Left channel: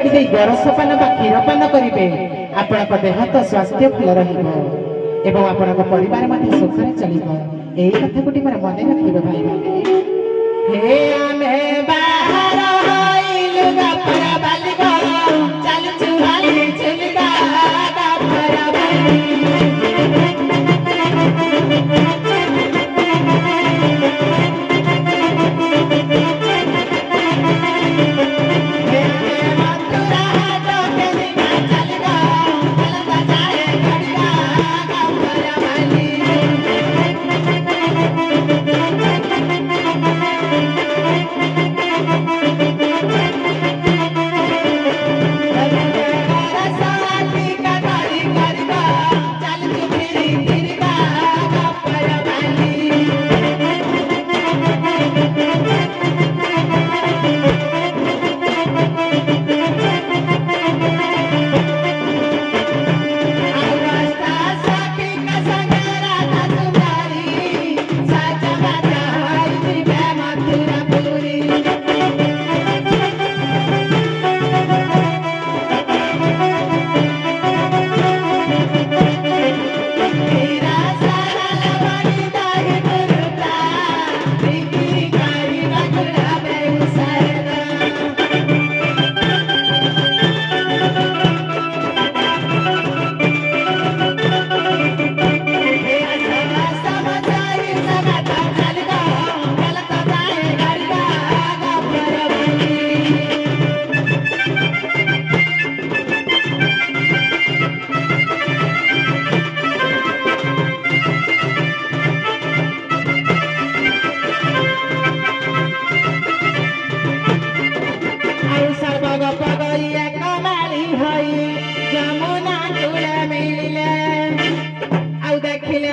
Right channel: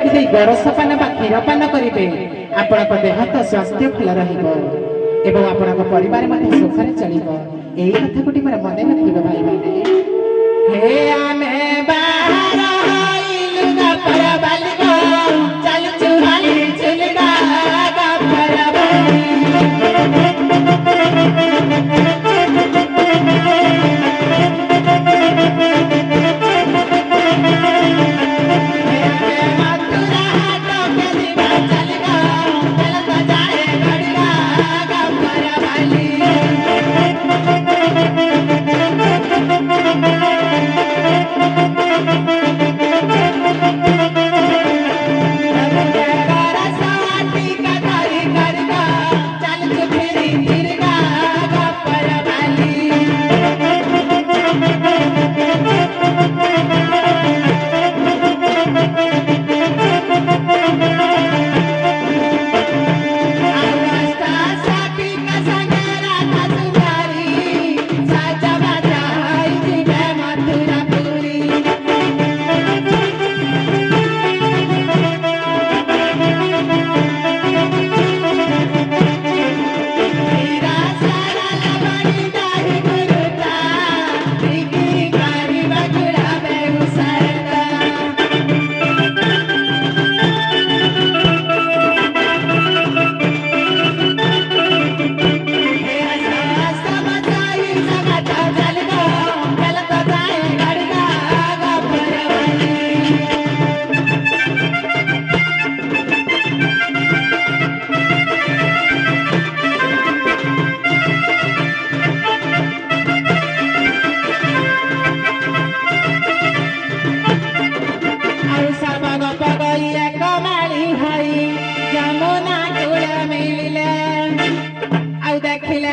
गरसपान बा क्षीरपान करेंगे आपण देह तो स्वास्थ्य भल रहा परिवार सुखरे चलो यही कथा गोटे मोर मन रखिए भाई मैंने हे आमे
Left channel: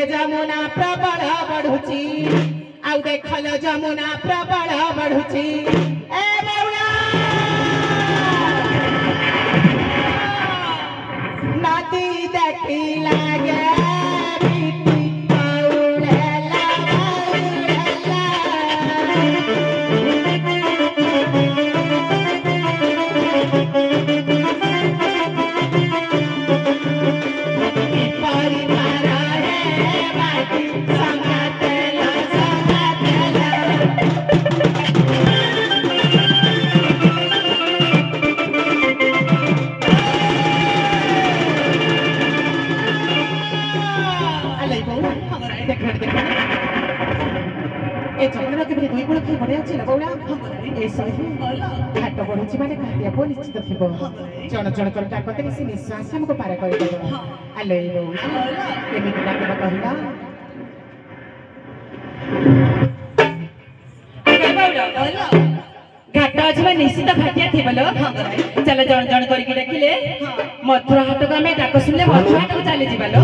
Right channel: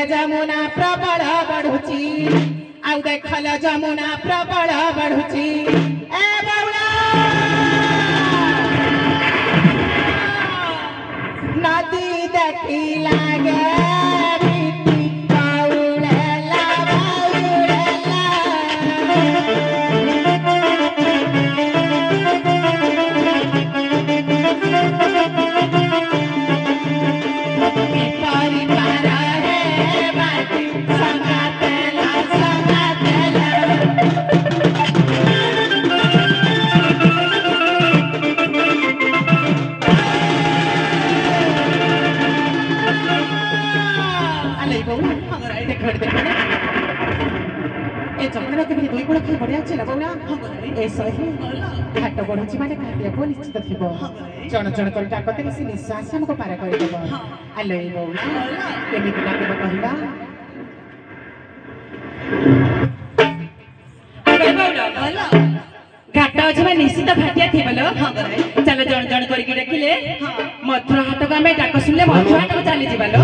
जमुना प्रबल बढ़ुची आउ देखल जमुना प्रबल बढ़ुची ए बौला नदी देखी लागे बीती बौला घाट बढ़ुची माने खाद्यप निश्चित थी जन जन कर डाकते से निश्वास हमको पार कर आलो केमी डाक कहला घाट अच्छे निश्चित भाटिया थी बोलो चल जन जन करके डाकिले मथुरा हाट को आम डाक शुणिले मथुरा हाट को चली जालो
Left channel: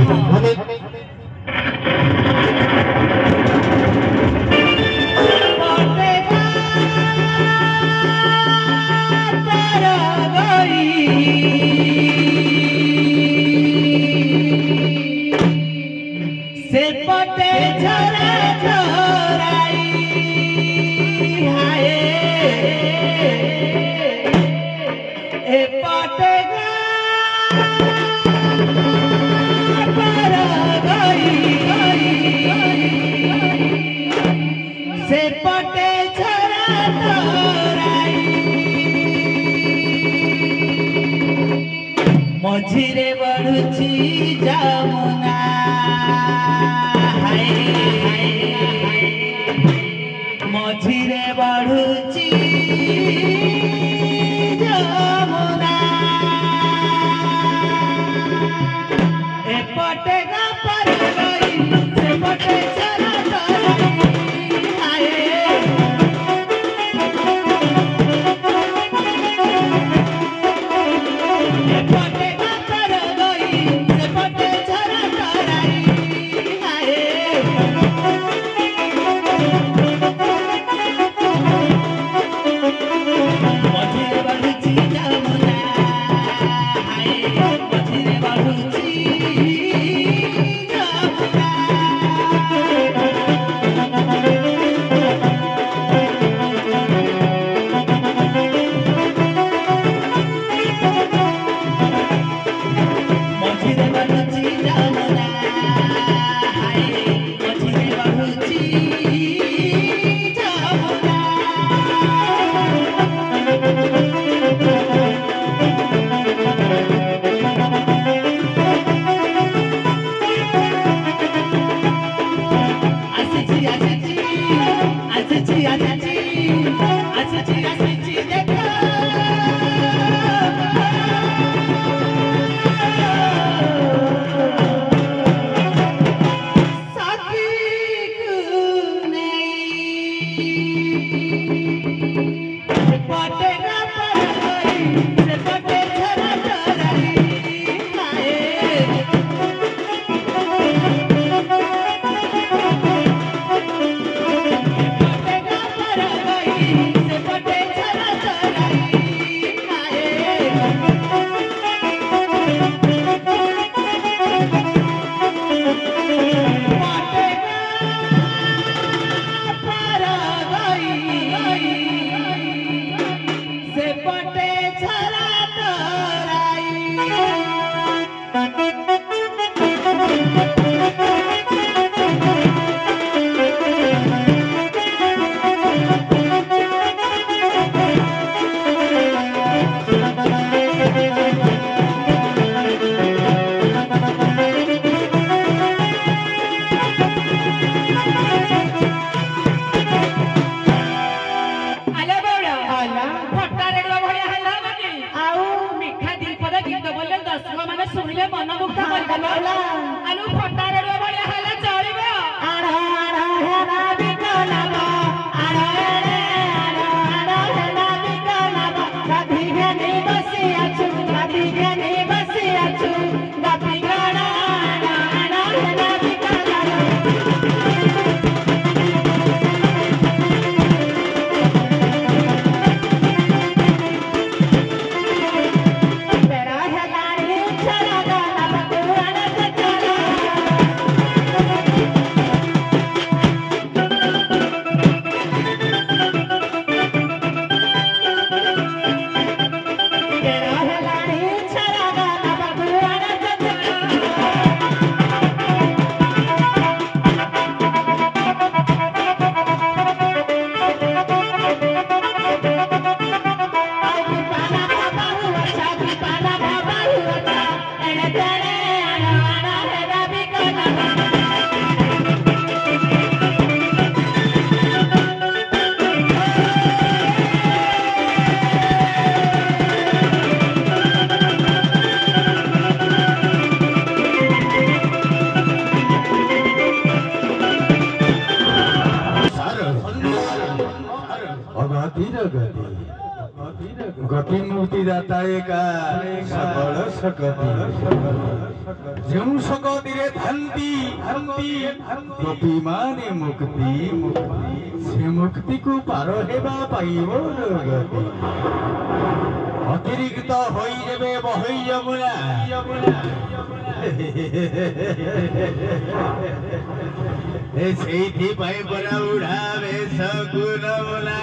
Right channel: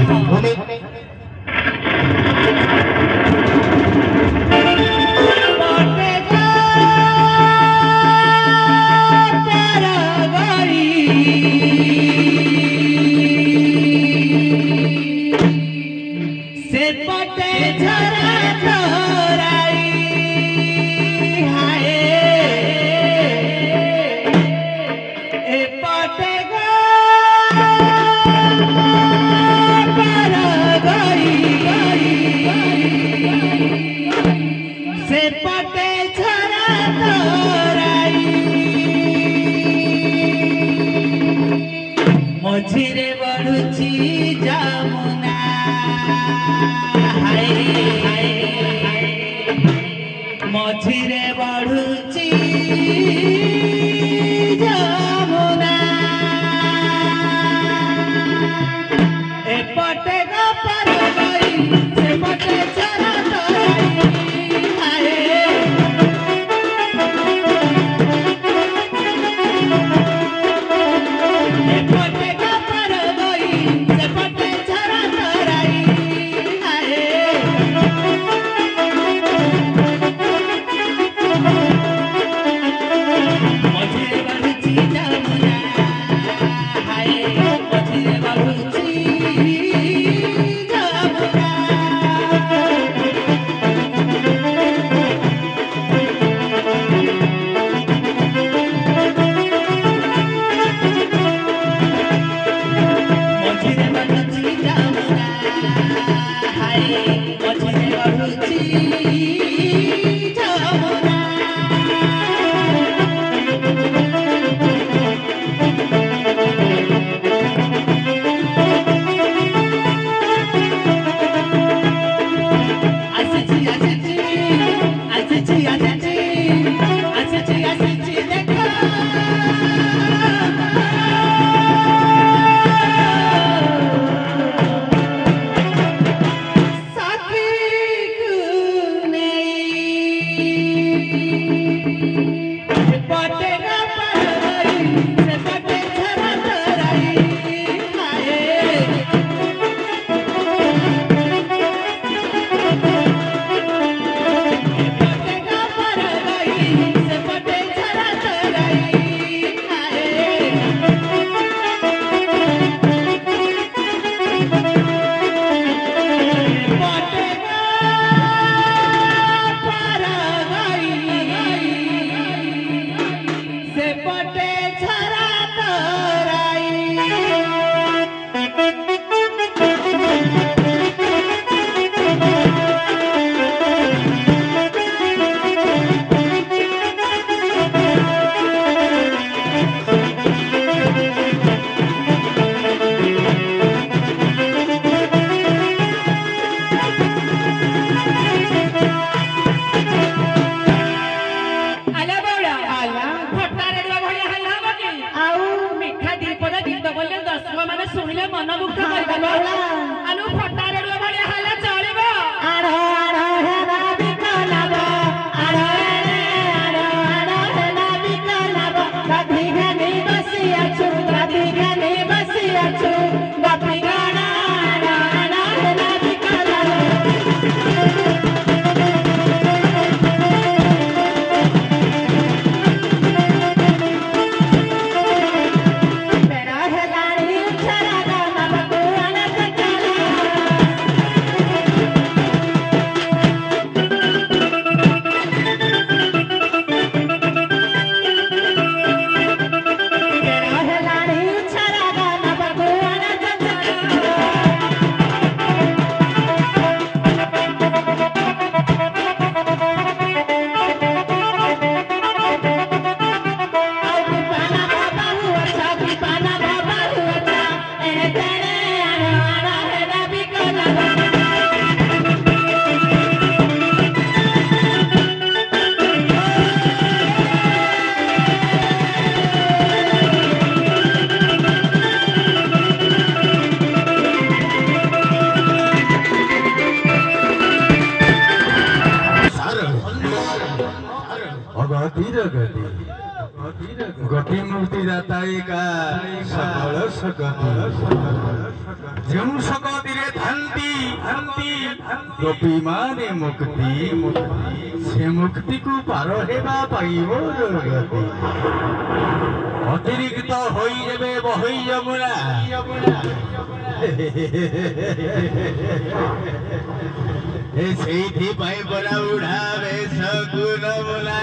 मझिरे बढ़ुची जमुना मझिरे बढ़ुची जमुना एपटे पर गई सेपटे चरा एपटे गति मुक्ति दाता एका सबल सकति ଯେଉଁ सकतिରେ ଥାନ୍ତି ଗୋପୀ ମାନେ ମୁକ୍ତି ସେ ମୁକ୍ତିକୁ ପାର ହେବା ପାଇବ ଜଗତି ଅତିରିକ୍ତ ହୋଇ ଯେବେ ବହି ଯମୁନା ସେଇଥିପାଇଁ ପରା ବୁଢ଼ା ବେଶ ଗୁଣମୁନା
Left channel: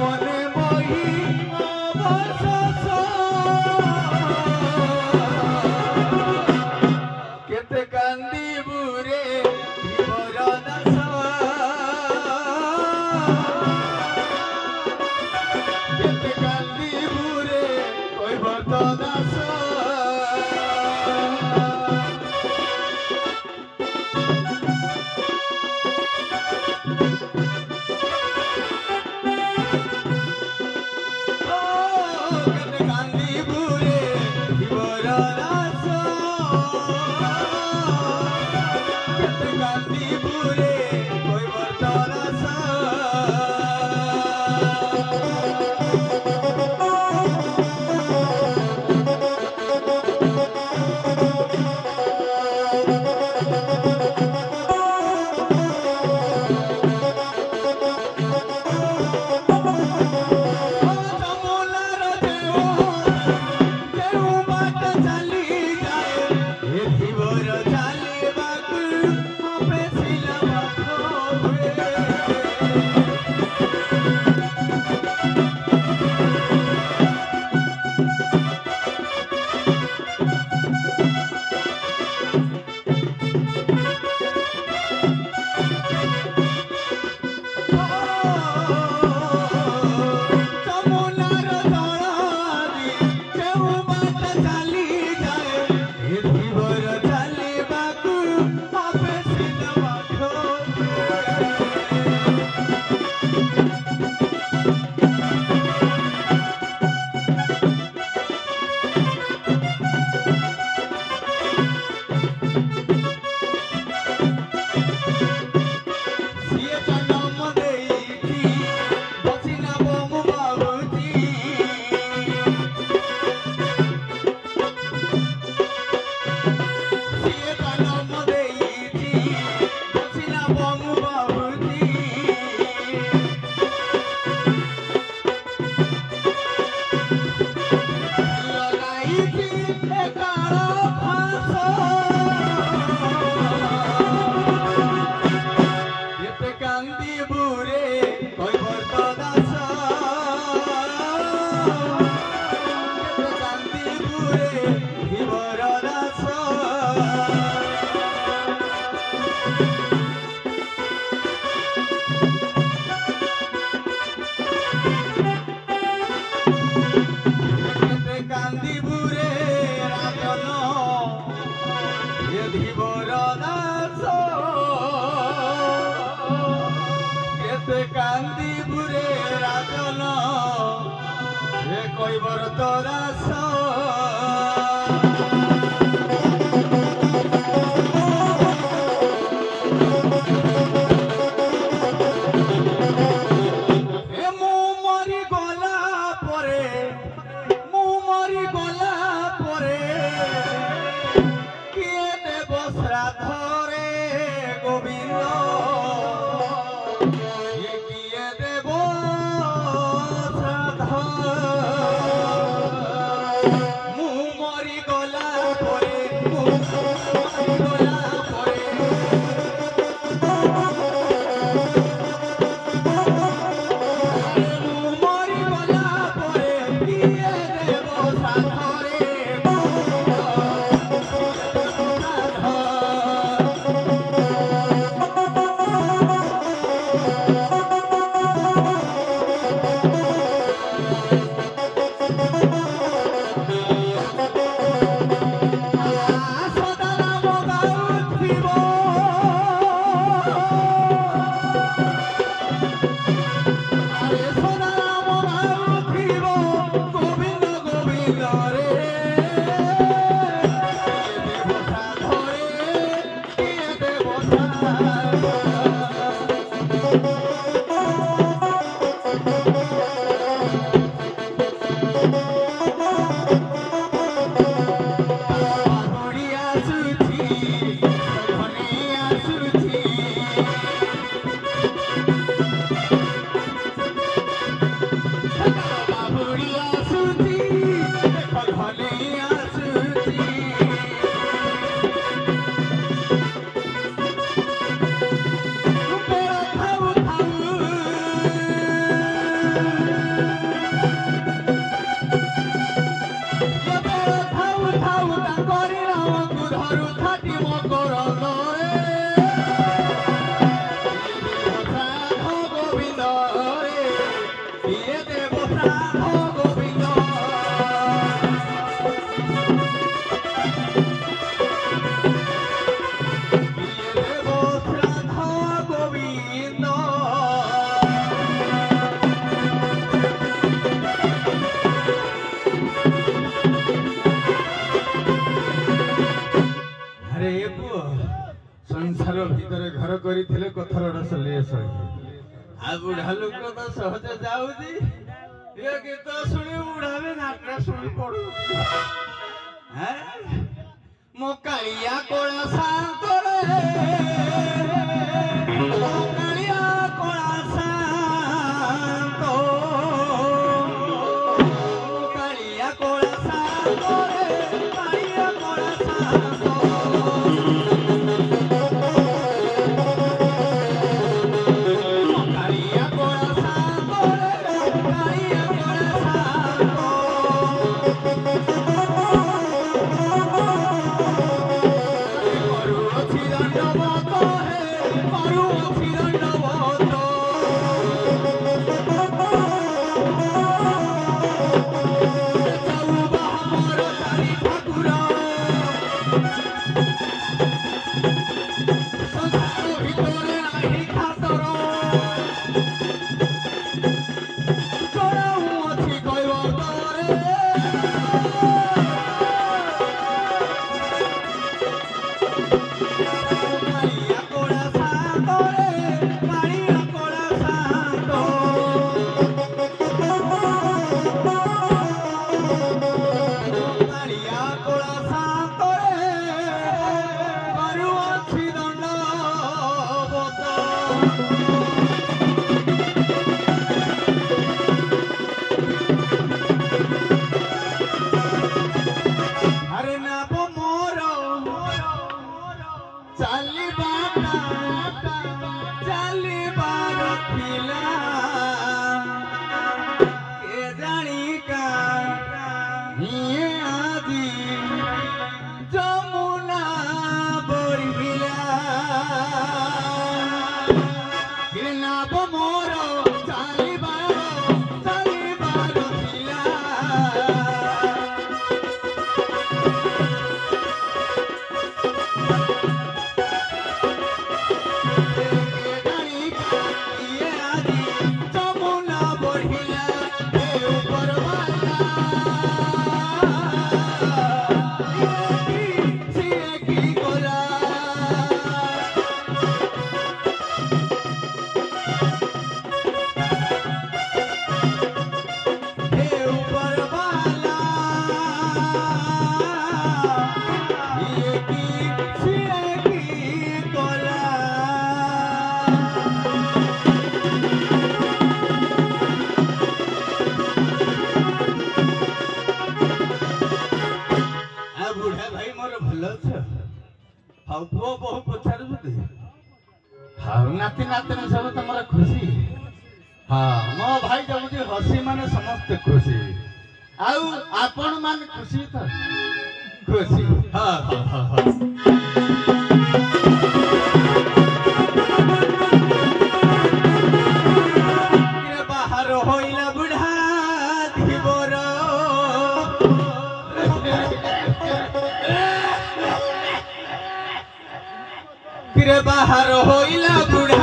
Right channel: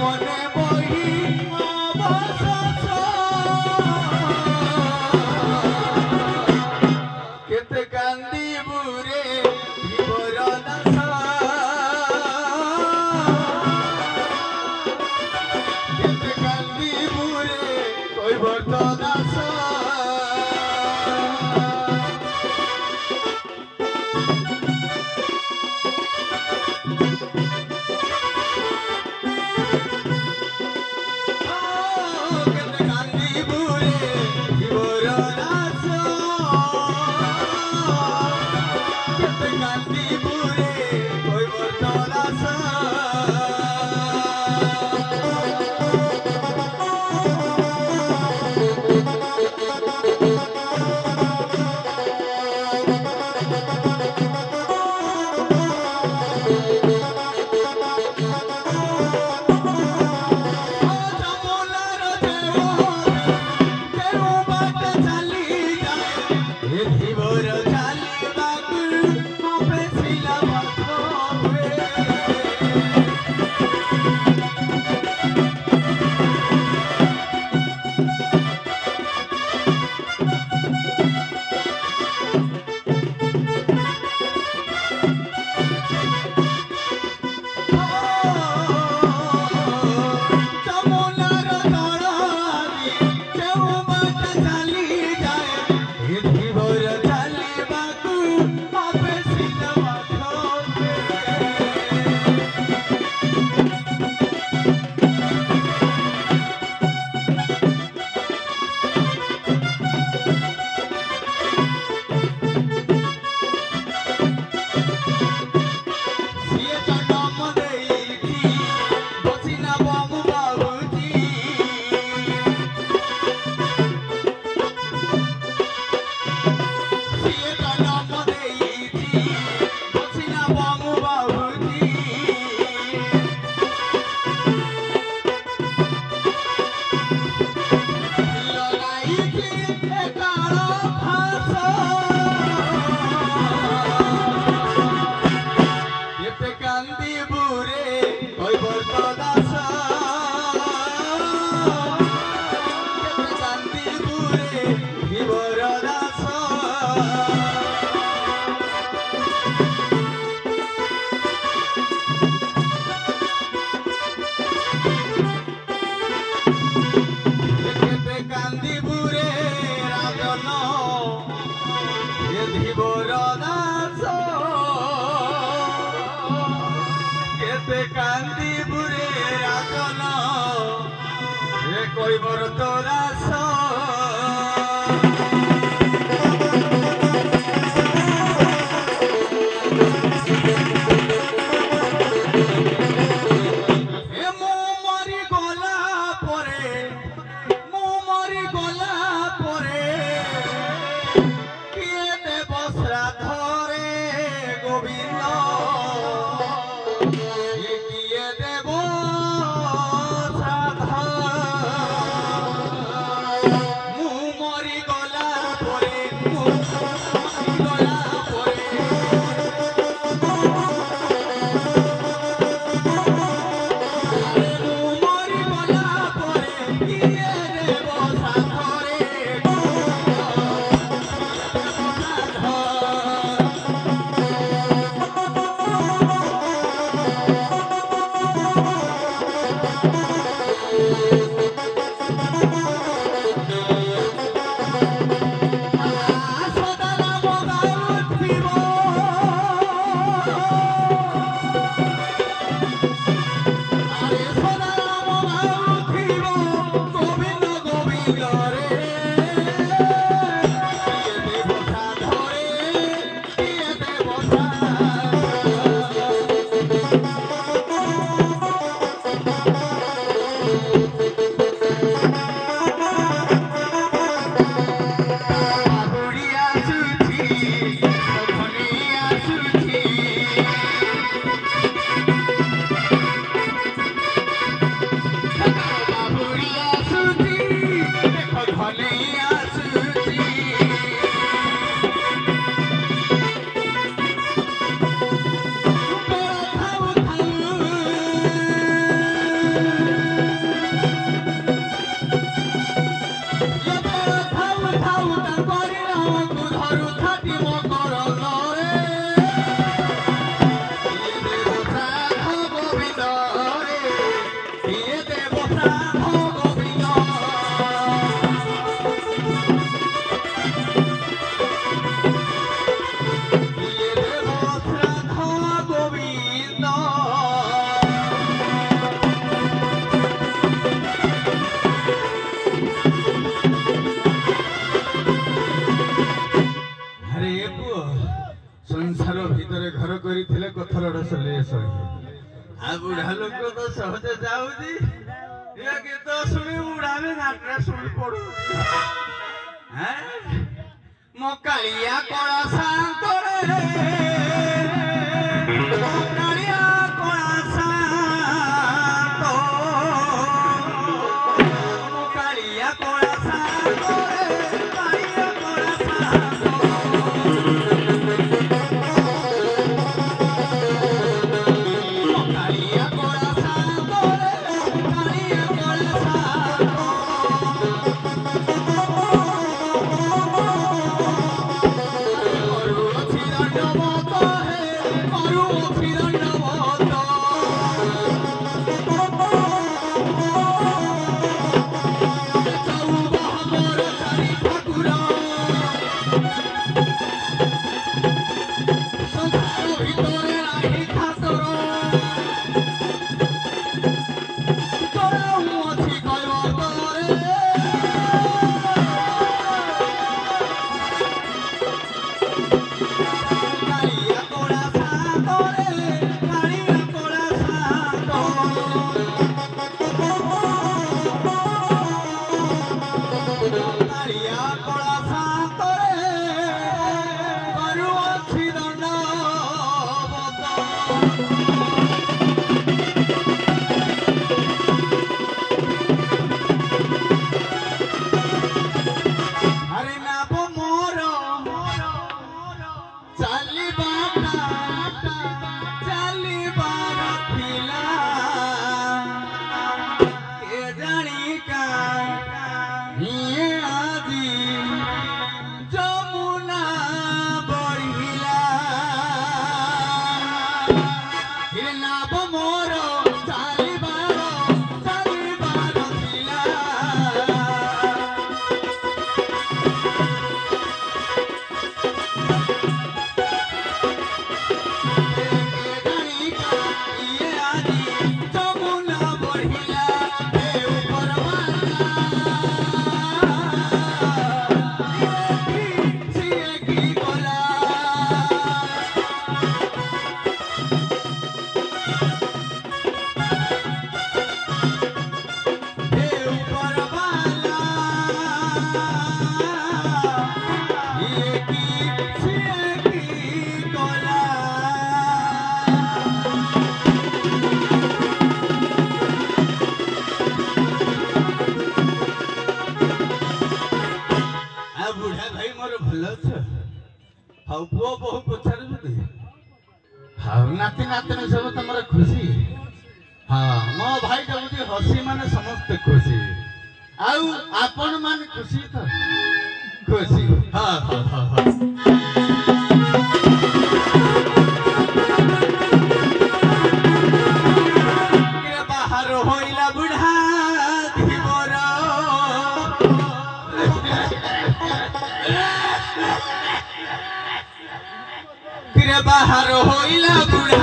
One boy, কান্দিপুরে রাজন এ কইবর তোরা कथार सॉल्यूशन आ बुढ़ा लोक तो सहज जाऊजी ये गीत सुनी बुढ़ा में नाटक सुनी पड़ू हैं मो कालिया कोला सांत रे मो कालिया कोला सांत मो कालिया कोला सांत रे कालिया कोला सांत नाती नातनी सब तुम खुशी हाँ मो भाई जब हसी माने समस्त खुशी आउ आपण मान खुशी तो खुशी हाँ हाँ हाँ हाँ बाहर होइला बुढ़ा धीबर फिर बाहर होइला बुढ़ा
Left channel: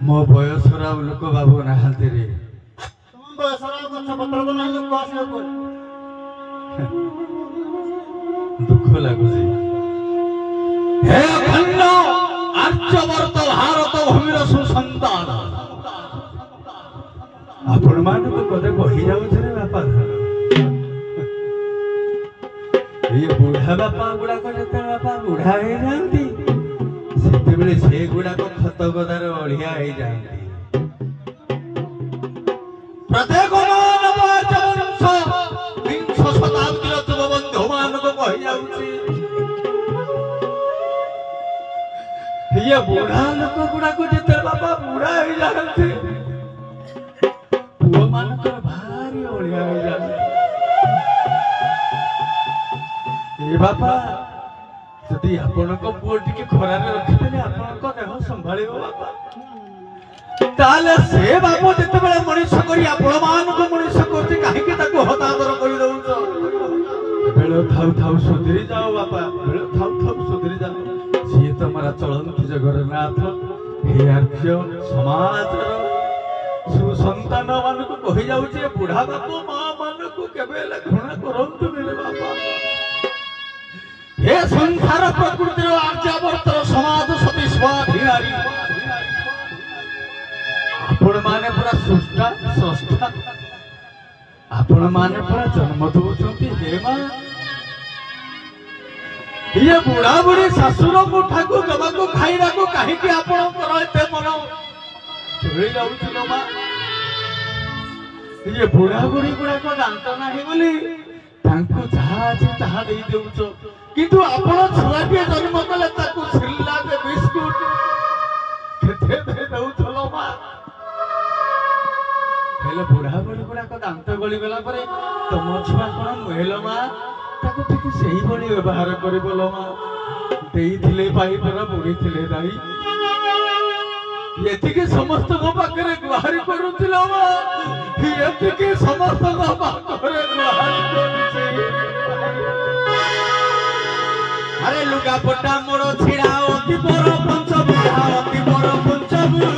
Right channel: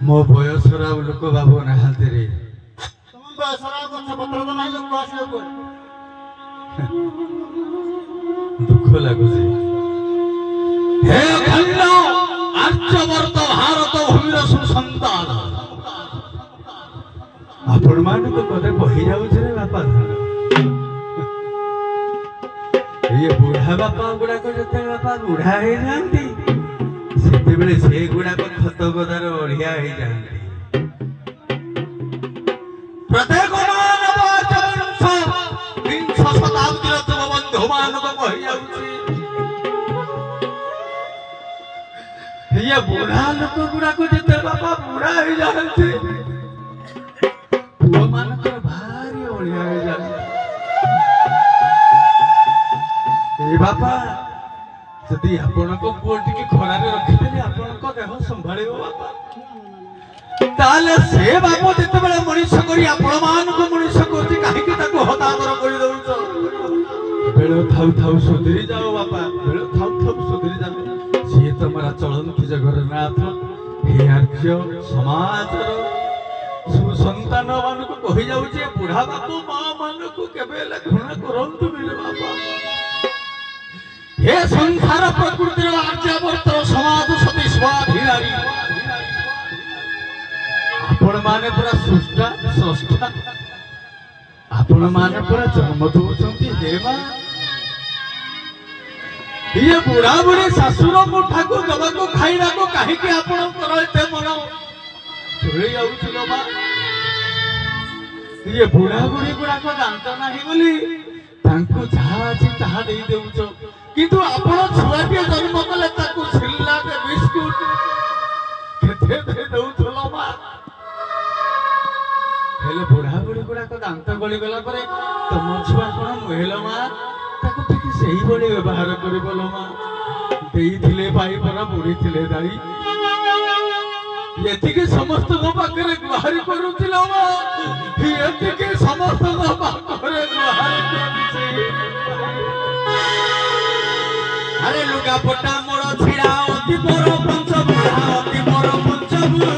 मो बयसर लोक बाबू नहांती रे तुम बयसर गछ पत्र तो नाही लोक आसी को दुख लागुजी हे खल्लो आर्यवर्त भारत भूमिर सुसंतान आपण मान तो कदे कहि जाउ छे रे बापा ये बुढ़ा बापा गुडा को जते बापा बुढ़ा हे जानती सेते बेले से गुडा को खत गदार ओढ़िया हे जानती प्रत्येक मानव जन्म 20 शताब्दी ये बुढ़ा लोक गुड़ाक जिते बापा बुढ़ा हो जाती पुओ मान भारी ओलिया हो जाए बापा जदि आपण पुओ टिके खरा रखिदेले आपण देह संभाल बापा ताले से बाप जिते मनुष्य करी आपण मानक मनुष्य करते कहीं हतादर कर बेल थाउ थाउ सुधरी जाओ बापा बेल थाउ थाउ सुधरी जाओ सी तुम्हारा चलती जगन्नाथ हे आर्य समाज सुसंतान मान को कही जाऊे बुढ़ा बाप माँ मान को केवे घृणा करतु बापा हे संसार प्रकृतिर आर्यावर्तर समाज सती स्वाधीनारी आपण माने पूरा सृष्टा स्रष्टा आपण माने पूरा जन्म दौरान हे मां ये बुढ़ा बुढ़ी शाशुर मुठा को दबा को खाइबा को कहीं के आपण करते मन चले जाउछलो मां ये बुढ़ा बुढ़ी गुड़ा को दांत नाही बोली तांको जहा अछि ताहा देई देउछो किंतु आपण छुआ के जन्म कले ताको छिल्ला के बिस्कुट केते दे देउछलो मां हेले बुढ़ा बुढ़ी गुड़ा को दांत गली गला परे तुम छुआ कोन मोहेलो मां ताको ठीक सही बड़ी व्यवहार करी बोलो मां देई थिले भाई पर बुढ़ी थिले दाई यति के समस्त को पाकरे गुहार करूथिलो मां यति के समस्त को पाकरे गुहार करूछि अरे लुगा पट्टा मोर छिड़ा अति पर पंच बुढ़ा अति पर पंच बुढ़ा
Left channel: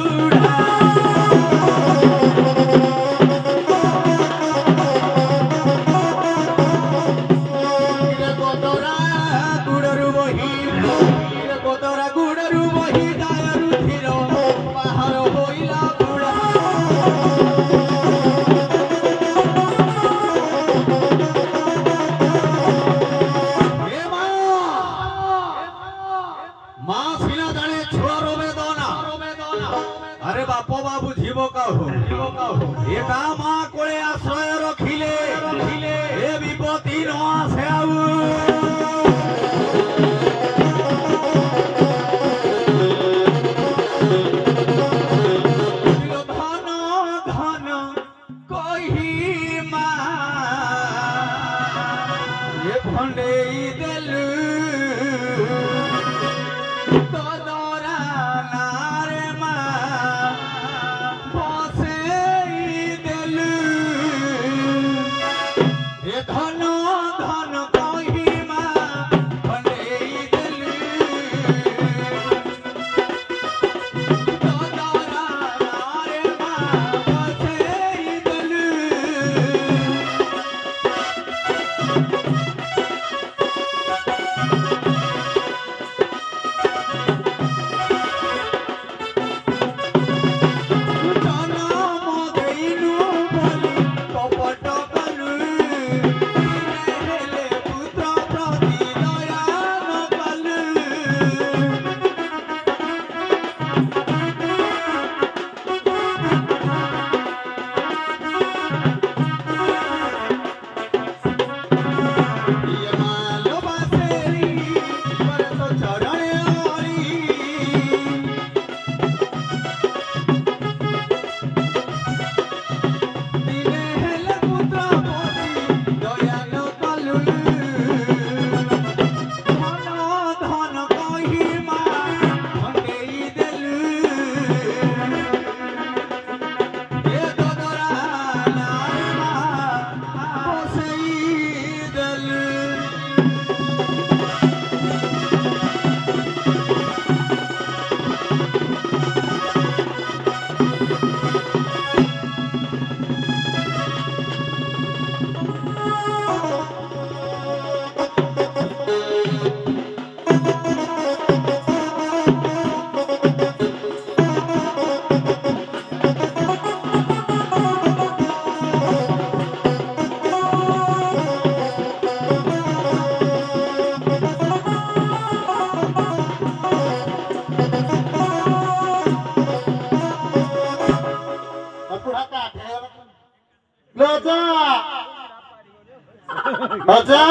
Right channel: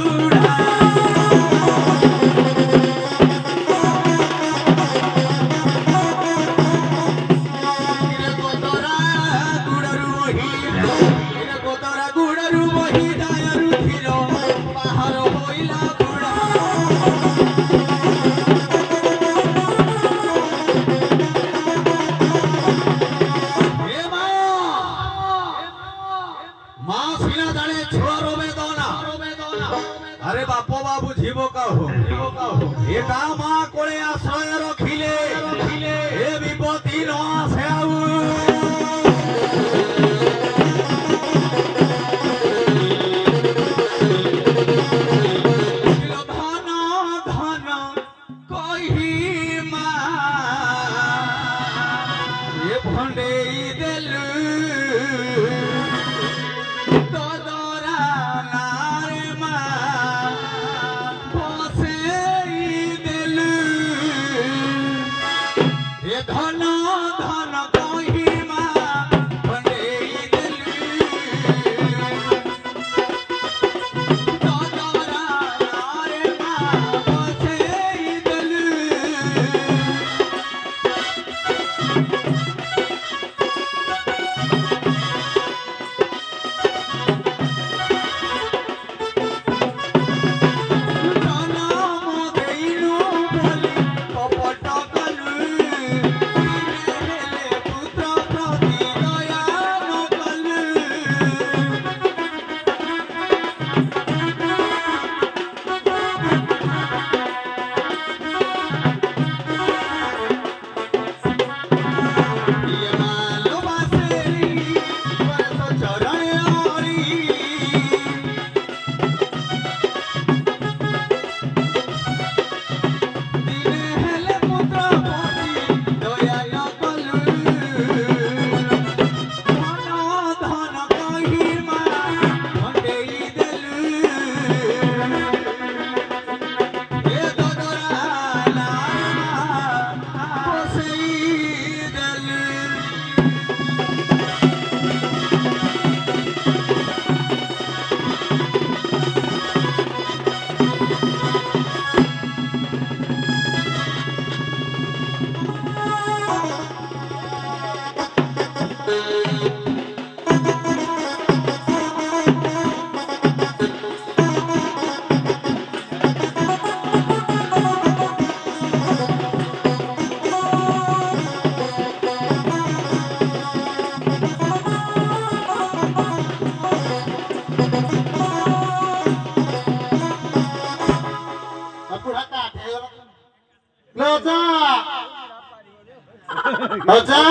Raja,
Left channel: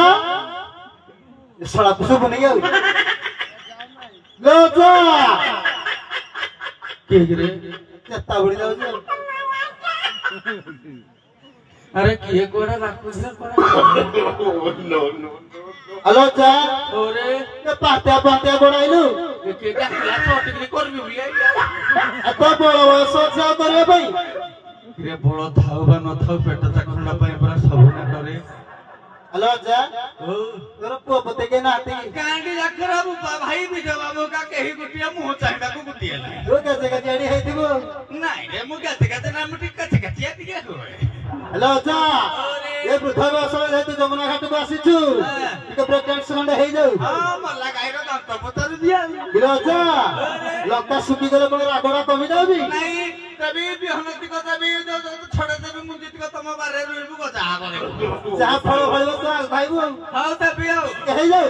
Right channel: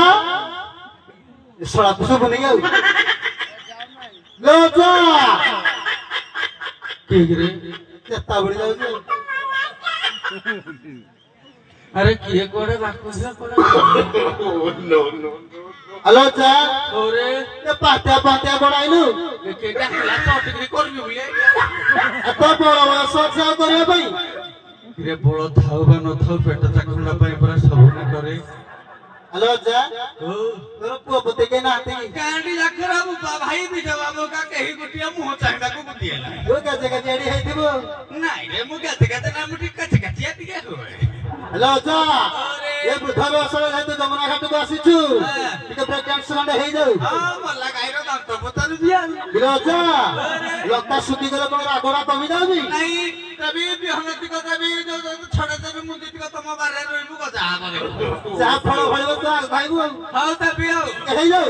salah kusuk meninggal. Raja. किए रे चेता भूल जाऊँ अरे किए कोड़े राखुझे हेलो चा ओरे ये पात्या पात्या बड़ाइलु केटा क्लास टिकरी करबी बुले तो बड़ा सब सब करिया भाई रे बड़ थाउ बा न थाउ पेट चाखुला पई पूरा सबने करे हेलो चा ओ मेरा पुआ पते के नाती कांडी राखरा भाई भी जवाबो का कही गुटिया मुंह चांदा को गुटिया वो कैसे का जेडी है थी वो नाही रे मु गाते गाते ना मुठी कच कचिया दिया होय हेलो चा ये बुधा में असर है तो जमुना घाट को आसीछु ठीक है ब्रेक डांस हे जाऊ हां मल्ला गाइरो दांत पतारु दिया हेलो चा लक्का सुकी गले कोन रागरा कमी जाउबी नहीं तभी भी हम को तभी जो छोड़े देबी मुंजी को तम बारे रोइबु को जा करे जा फल फल तो भाई वो हां तभी आओ हे जाऊ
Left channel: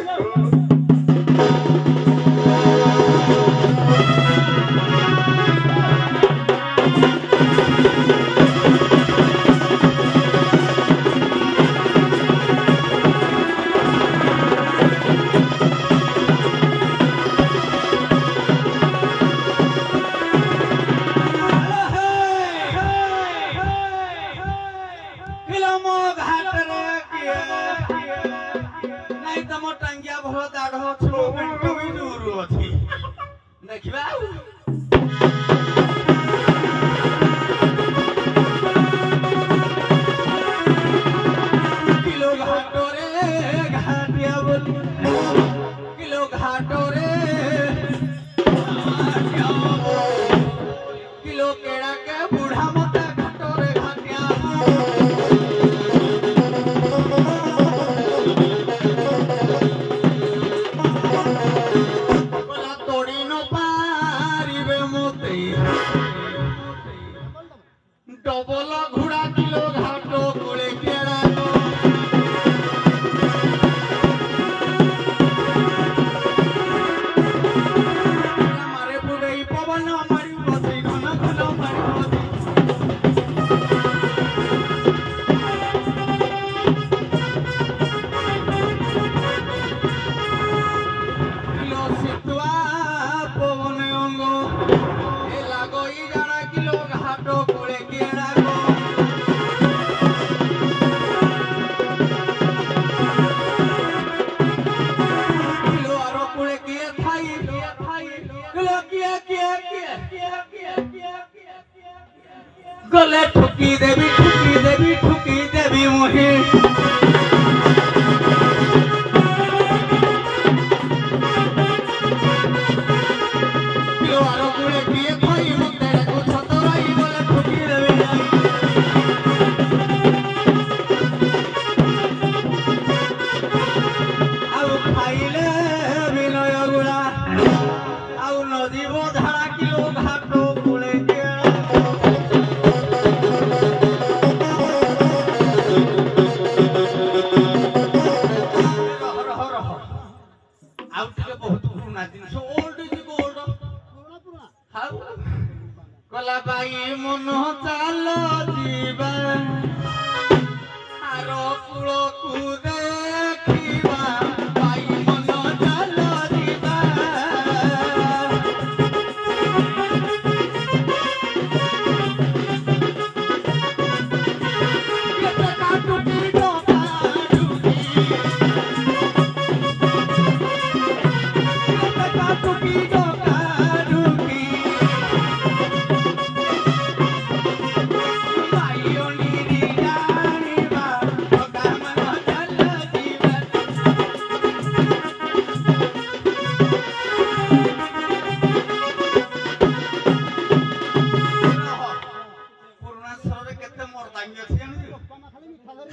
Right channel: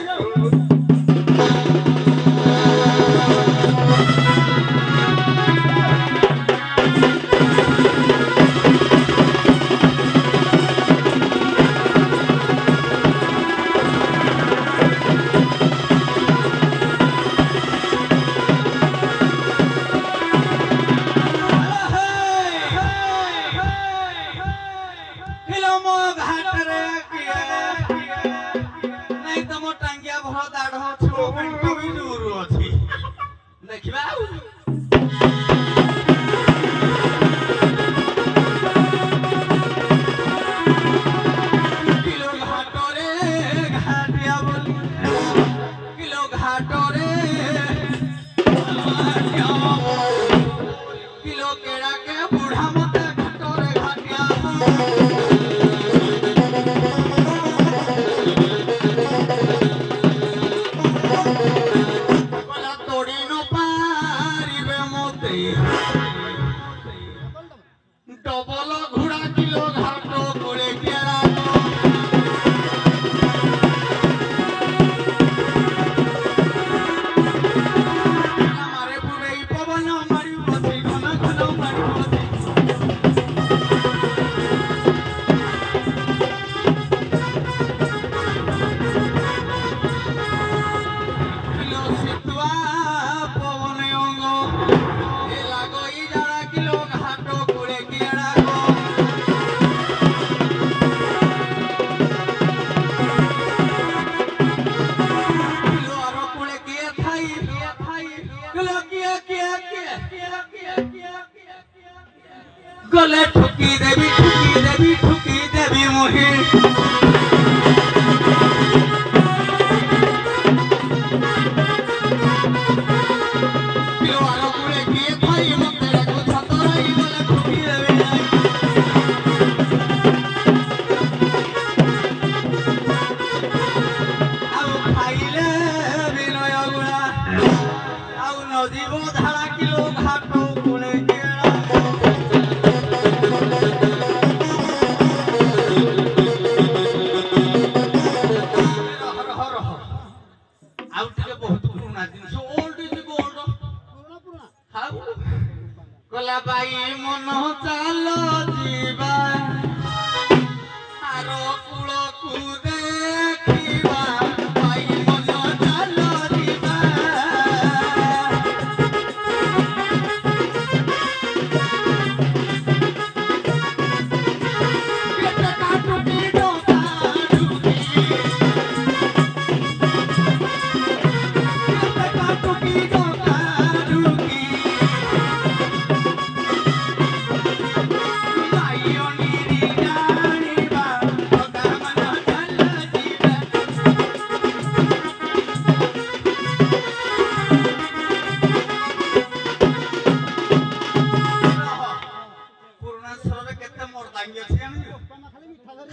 गले ठुकी देवी मुही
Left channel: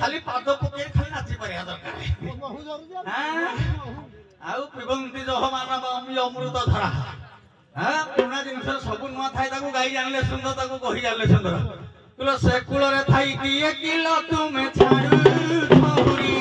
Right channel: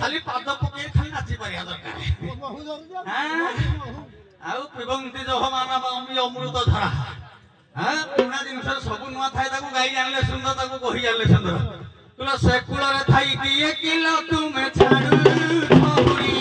खाली पाद पके खाली नाची परिया दरकार आउ पिबंती जह मानव अमी अमृत धारा हां पुना जिनस सब नुआ थाई ताको गाई जानले सुंदर ताको कहि जानले सुंदर तुलो से कुल रे थाई कि ए किलो तुमे छाड़ू छोरी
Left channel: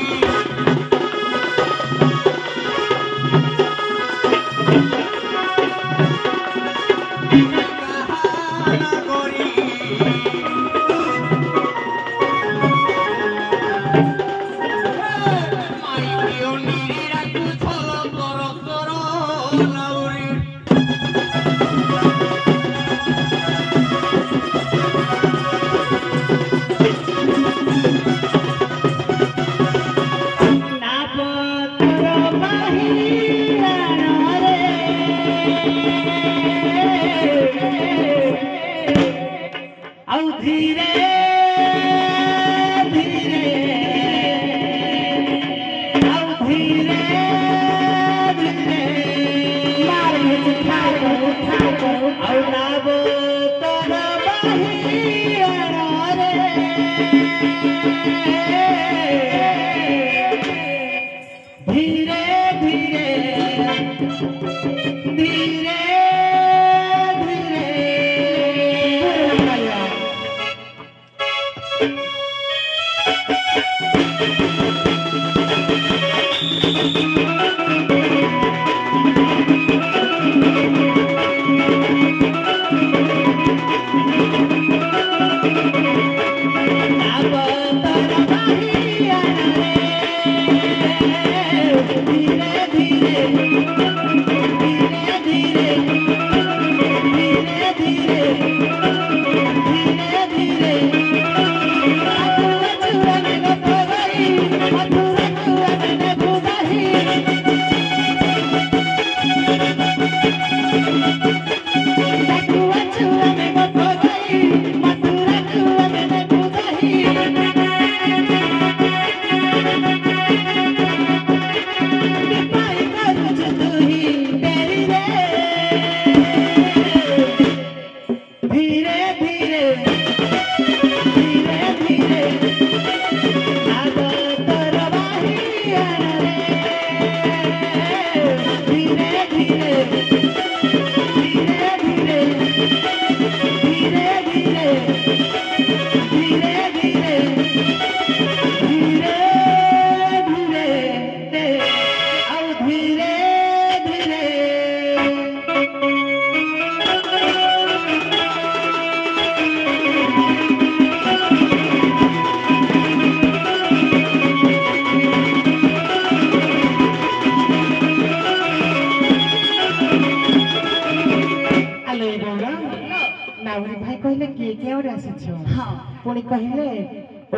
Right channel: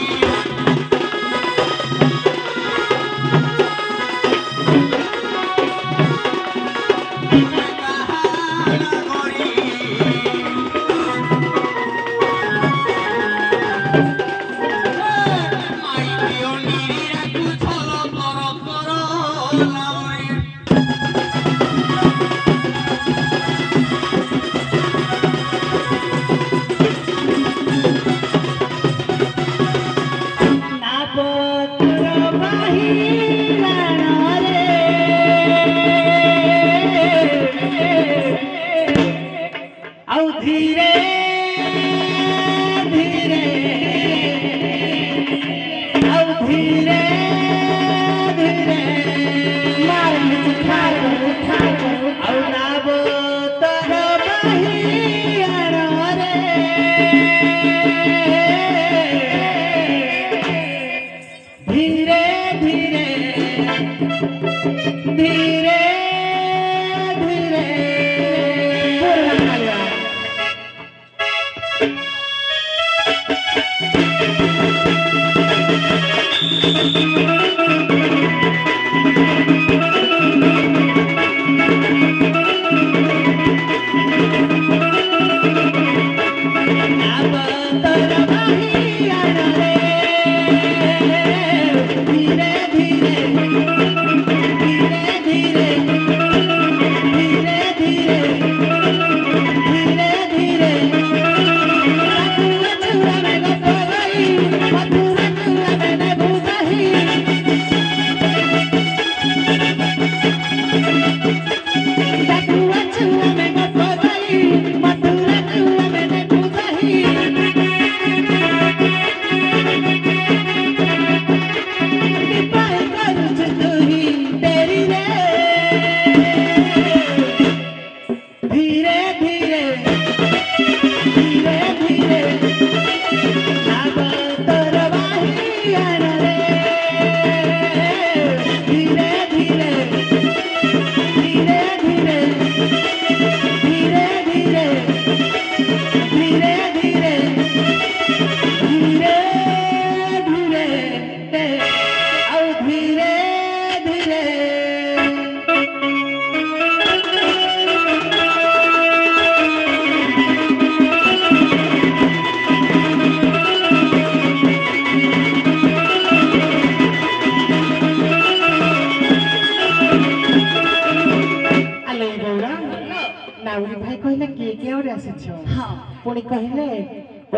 पुणी कहले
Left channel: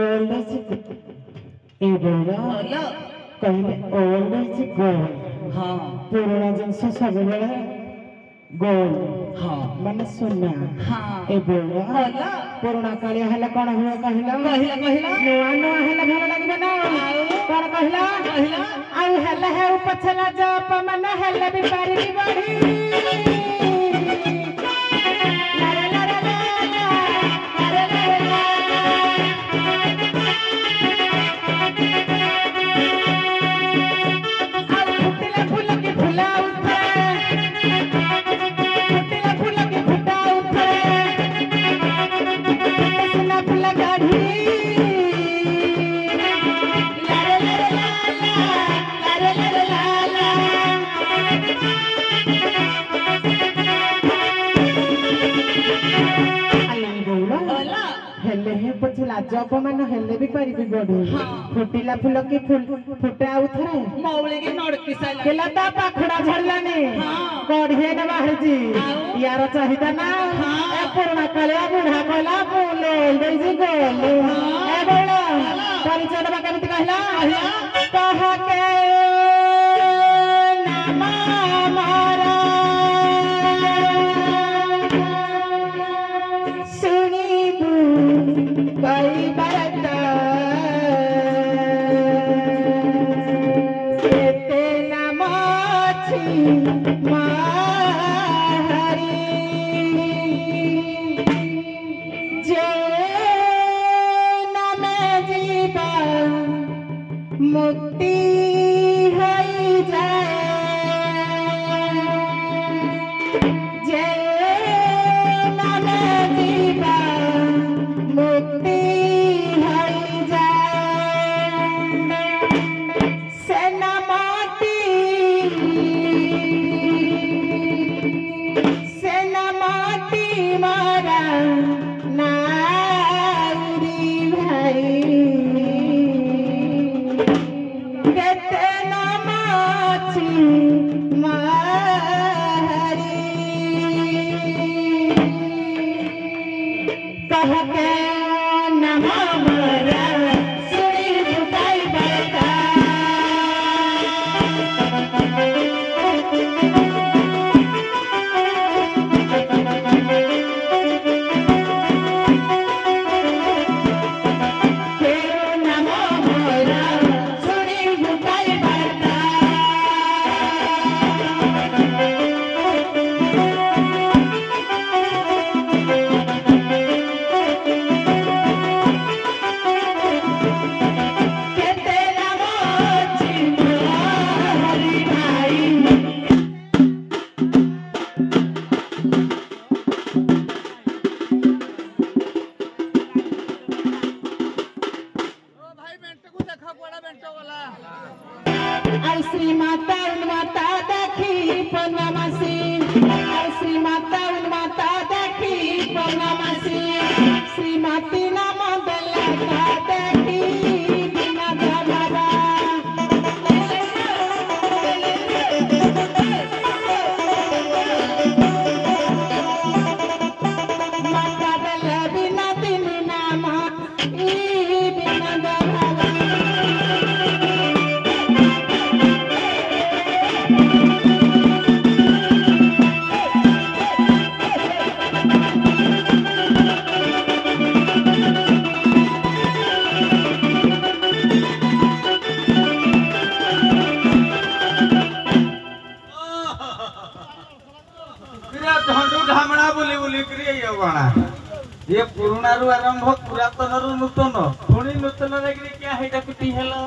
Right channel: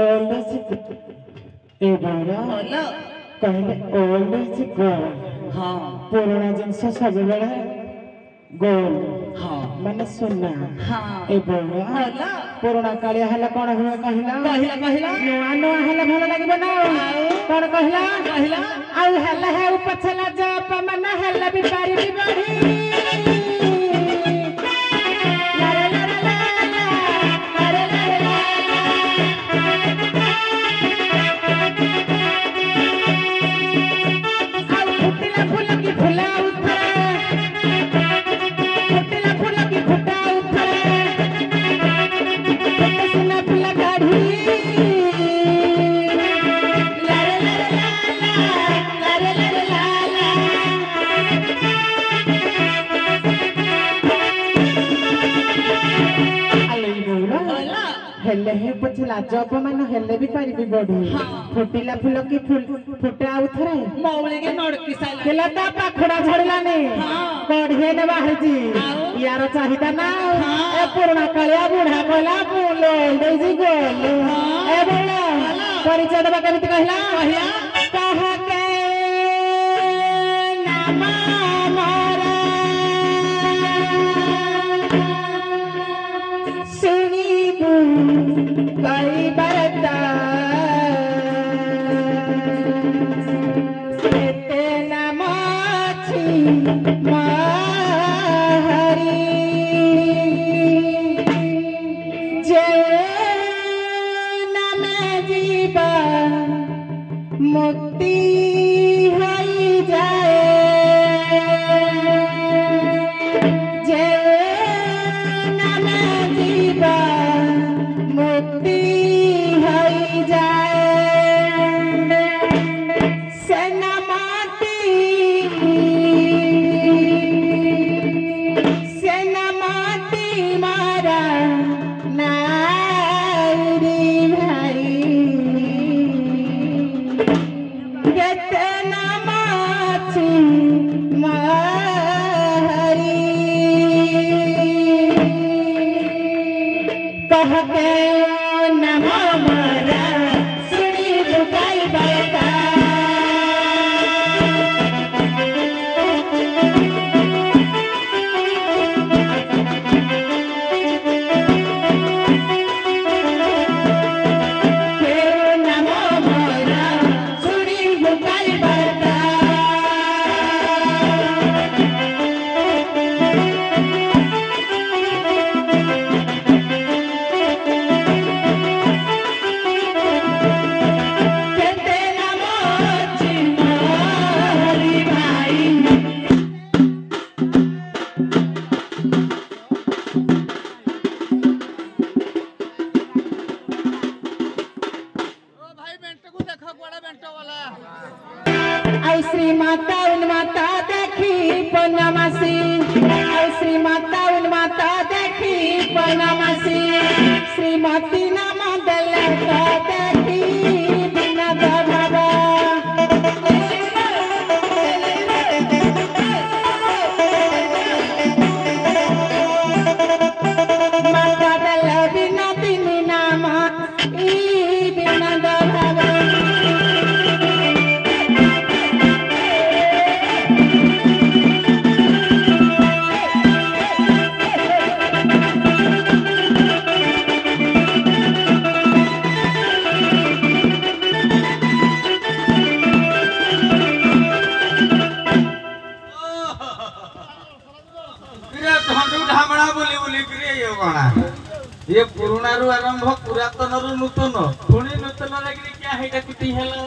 ओल्ड ए बोला कहले ओल्ड इज गोल्ड हाँ पुराना जिनस सब बेले गोल्ड हाँ माने सुना हाँ ए बोला बोला पुराना कालिया हले कोन हो कहला कहिला कहिला नुआ नुआ हले भल लागबो ना कोन कहला कहिला आउ हले हे पछला जप मन हले भी पारी भी बढी पछला जप मान हेले भी पारिबी बढी फुटिला फुल की फुटा आउ थरे मौले के नडकी साला केला ता पाखडा झड़लाने कढे न बाहरजी यार चाहिदा ना ए पुराना कालिया बुढ़ा कोला बोले देजी गोल ए बोला परिचय देबा केमिति कहला कह के नाम मारा सुनीबू कई बरता ते नमाची माहरी जे नम जीवा मुक्ति है जाए जे नम जीवा मुक्ति है जाए सेना माटी मारा नारी भाई रतना माची मारी कहते नमो मरा सुनी झुकाई बरता बनवासी श्रीमती नाम देले ताकी बिनद बाबा माता देले बिनती नाम ई बिनद बाबा ये पुराना रु आरंभ पुरातन रु नूतन पुणी नूतन क्या हेटा किटी हेलो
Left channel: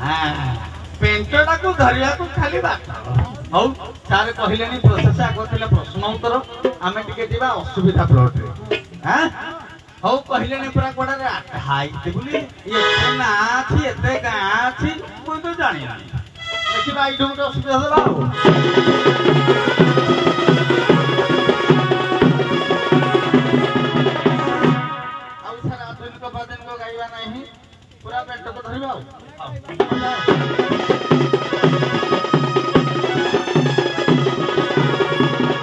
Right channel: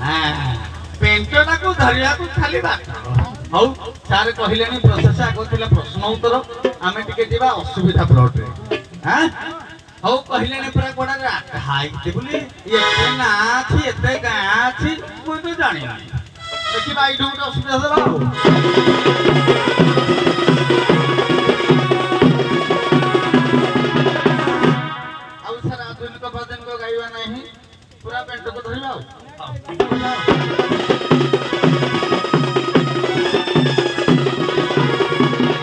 हां पेंटटा को धरिया को खाली बात हौ सारे कहिलेनी प्रोसेस आगो थिला प्रश्न उत्तर आमे टिके दिबा असुविधा प्लॉट रे हां हौ कहिलेनी पूरा कोडा हाइते बुली एते ना थी एते गा थी कोई तो जानि देखि भाई डोंट असुविधा होला पूरा पेंट को धरिबा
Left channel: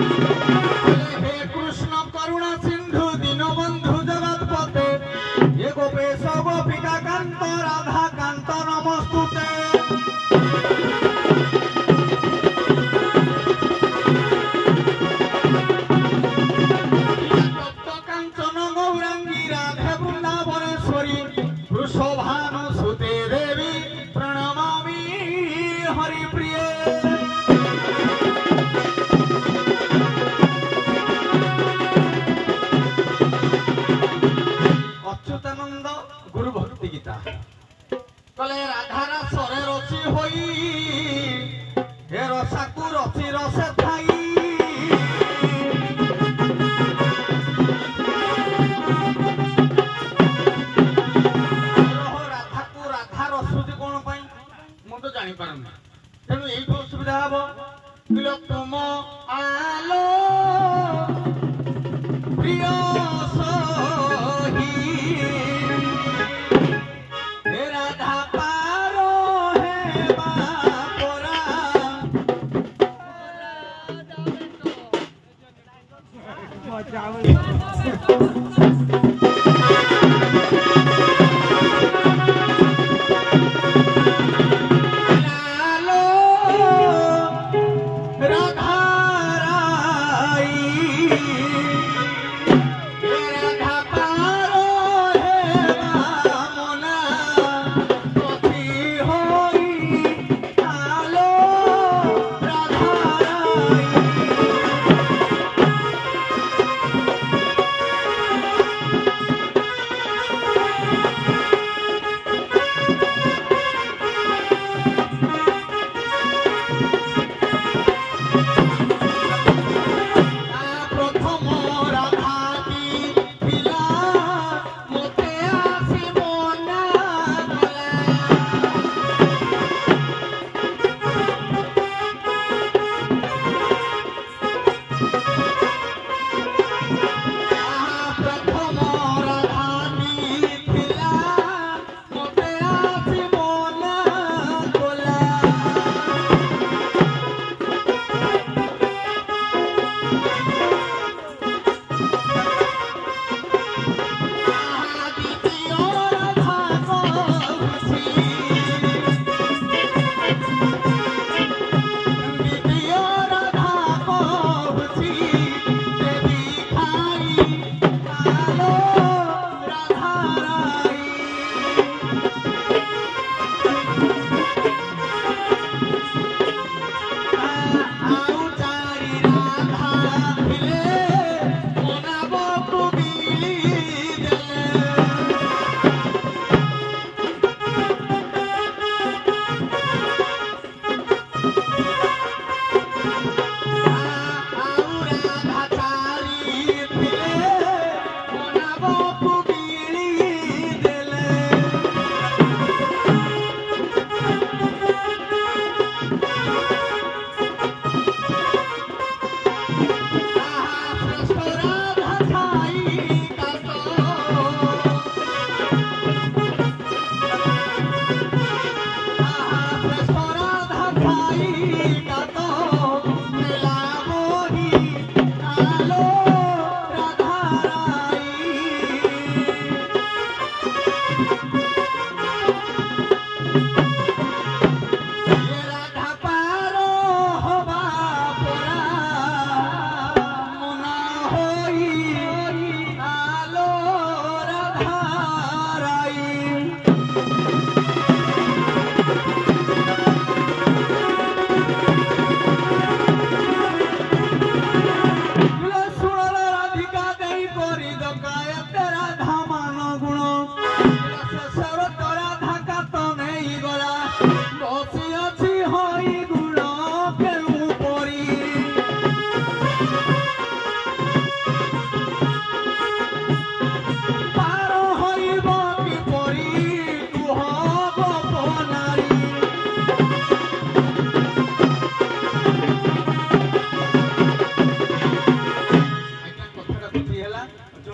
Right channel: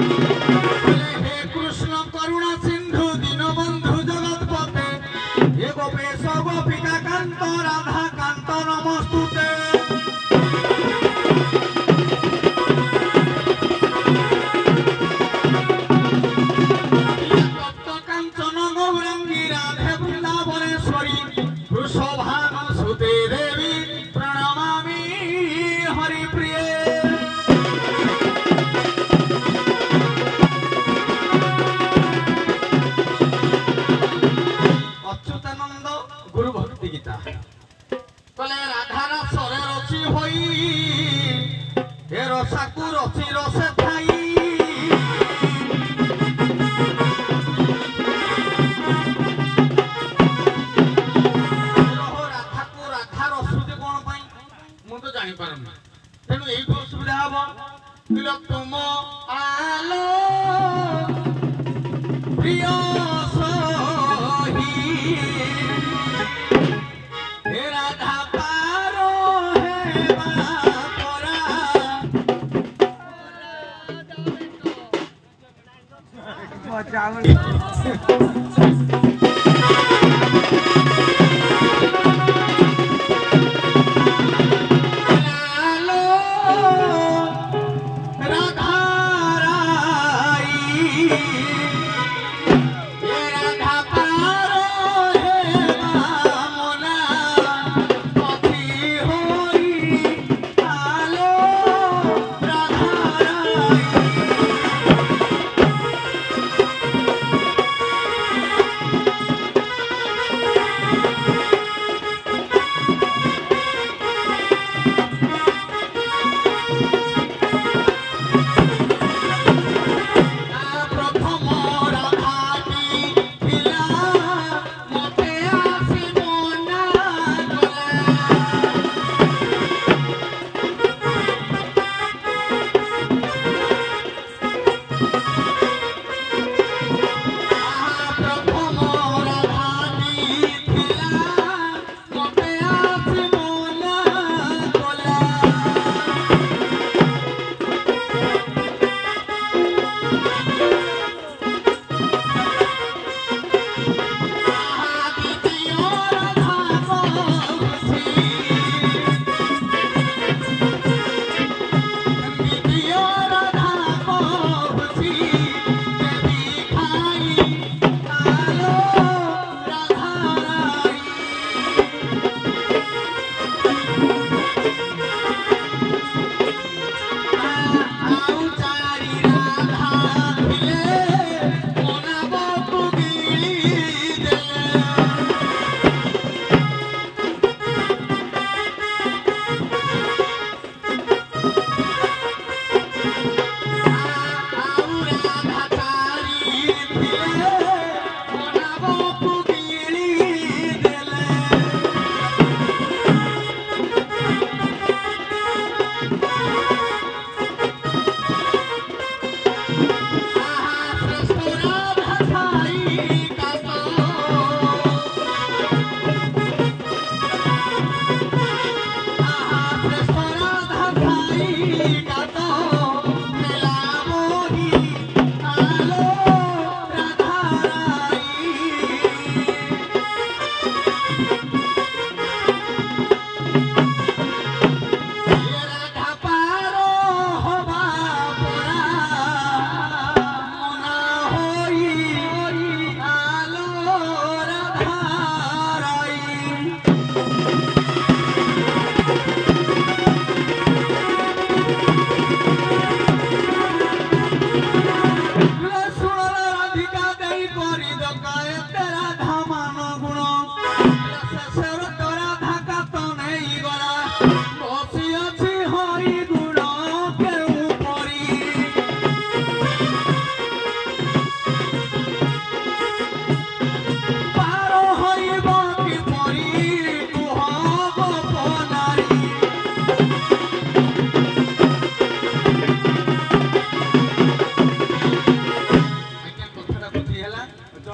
हे कृष्ण करुणा सिंधु दीनबंधु जगतपते ये गोपेश गोपिका कांत राधा कांत नमस्तुते कांचन गौरांगी राधे वृंदावनेश्वरी वृषभानु सुते देवी प्रणमामि हरिप्रिय अच्युतानंद गुरु भक्ति गीता कले राधारा सरे रची होई हे रसाकु रची रसे थाई जानी पारना तेणु ये असुविधा हम किलो तुम आलो प्रिय सही हे राधा पारो है बापरा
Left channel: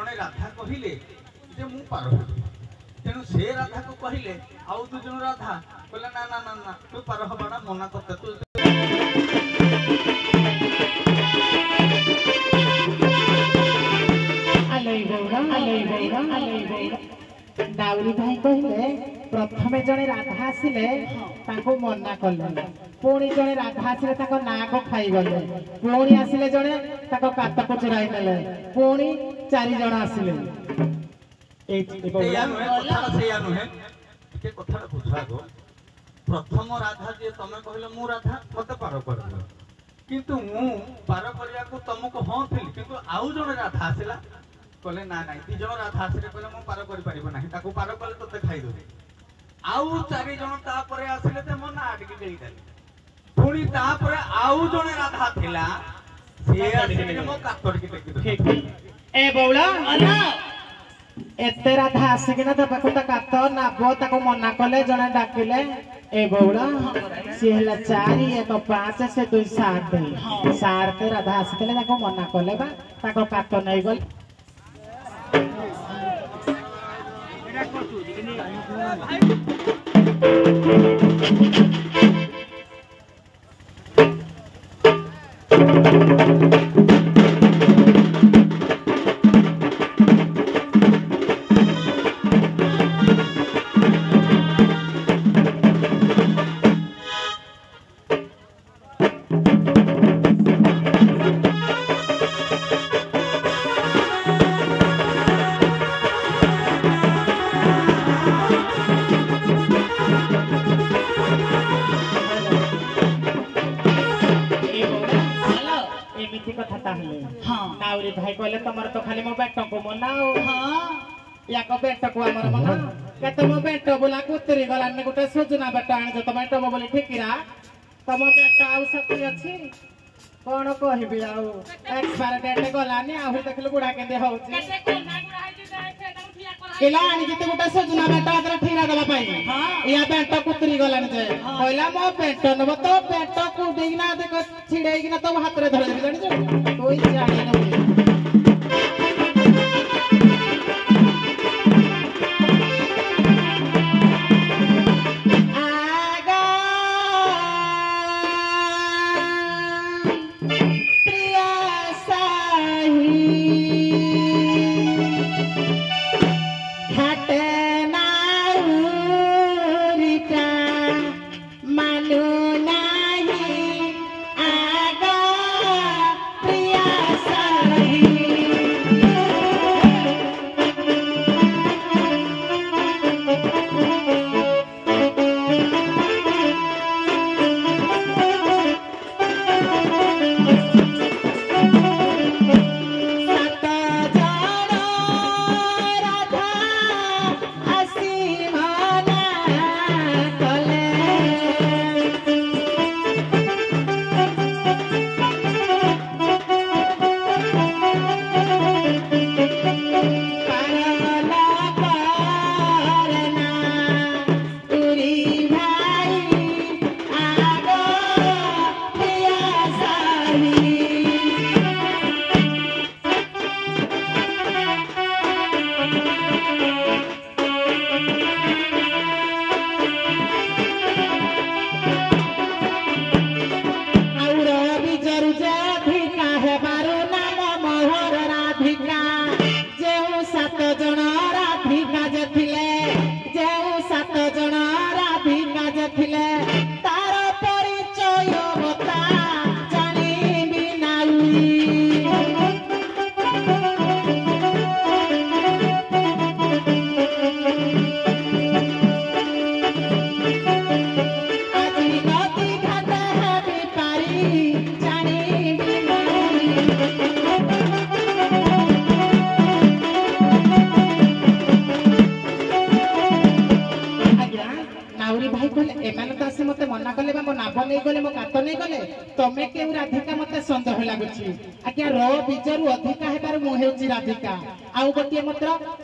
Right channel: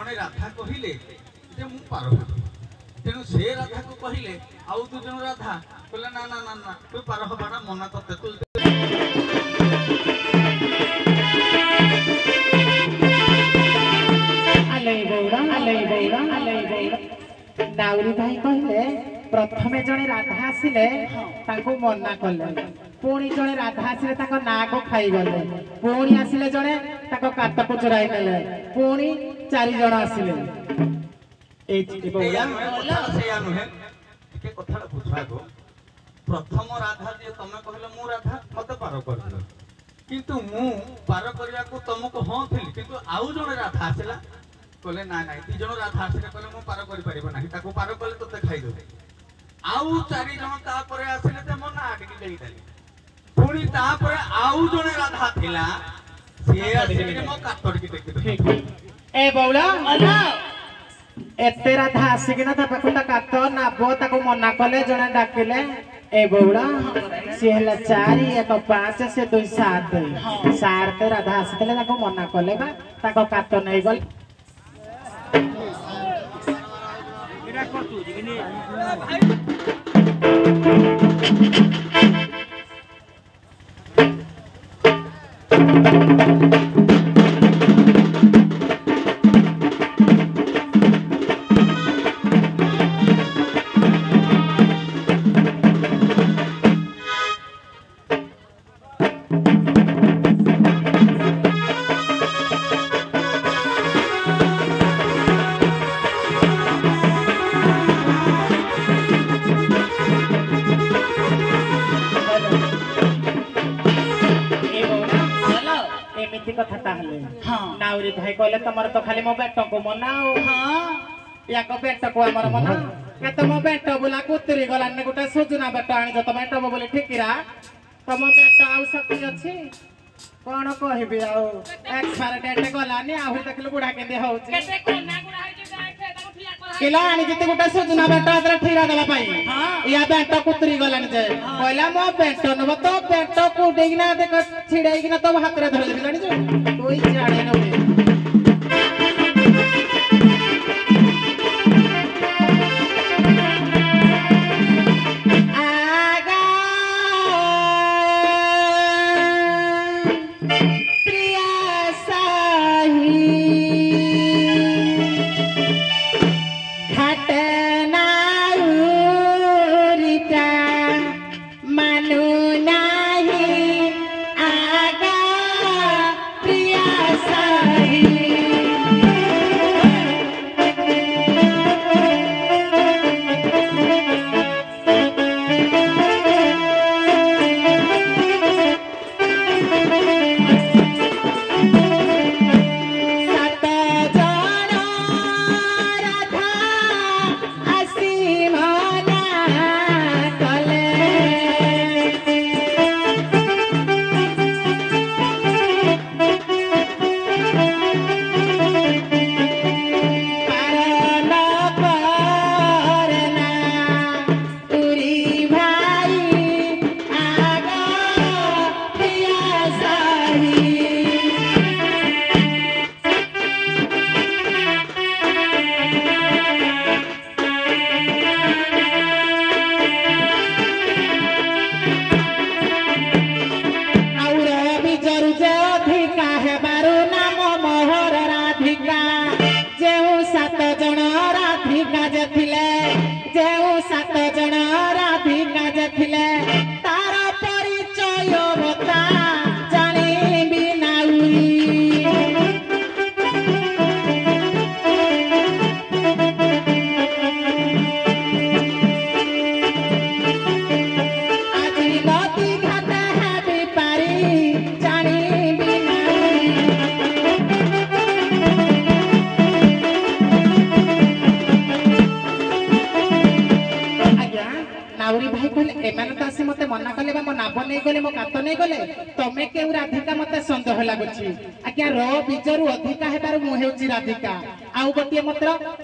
जड़े राधा कहले जे मु पार हेबी तेणु से राधा को कहले आउ दु जन राधा कहले ना ना ना ना तू पार हबाडा मना तते तू दाउरी भाई कहले प्रथमे जड़े राधा आसिले ताको मना कले पुणी जड़े राधा आसिले ताको नाक खाई गले पुणी आसिले जड़े ताको काटको चुराई नेले पुणी 4 जण आसिले कथा बुझा गो प्रथम राधा जे तमे कहले मु राधा मते पार कर किंतु मु पार करिया को तुमको हां थिल किंतु आउ जण राधा आसिला कहले ना ना 2 जण राधा आसिले कहले मु पार करि परिबो नाही ताको पार कले तते खाई देबे आउ 4 जण ता परे आसिले ते मना आडकी देई देली पुणी ता परे आउ जण राधा थिला से आसिले मो काटड़की देखि ठीक ए बौला एते राधा आसिकिना ता पाखुटा काट नाबो ताको मना कले जणे डाकिले ए बौड़ा सी हला 4 1 5 से 2 7 7 राधा आसिले ताको मना कले बा ताको काट नै गल नाउरी भाई कहले तमर तो खाली मो बेट को मनाओ हां या को बेट को हमर मना के तुम बेट बोला कुतरी गला ने गोटे सुजना बेट आनी तो बेट बोली ठिकिरा तम बेट आउ शक्ति अछि कोन कहबी आउ एक्सपायर डेट गलानी आउ देखलु बुढ़ा के दे होउची केते कोना गुडा है जे गाय ताको ठिया करा केला आनी जते गोटे सुजना बेट आदरा ठिका देबा पाई हां या बेट कुतरी गलानी जे कहला मो बेट नब तो बेट को डेगिना देख छिड़ेगिना तो हाथ रे धरे जानि जो कोई जाने नो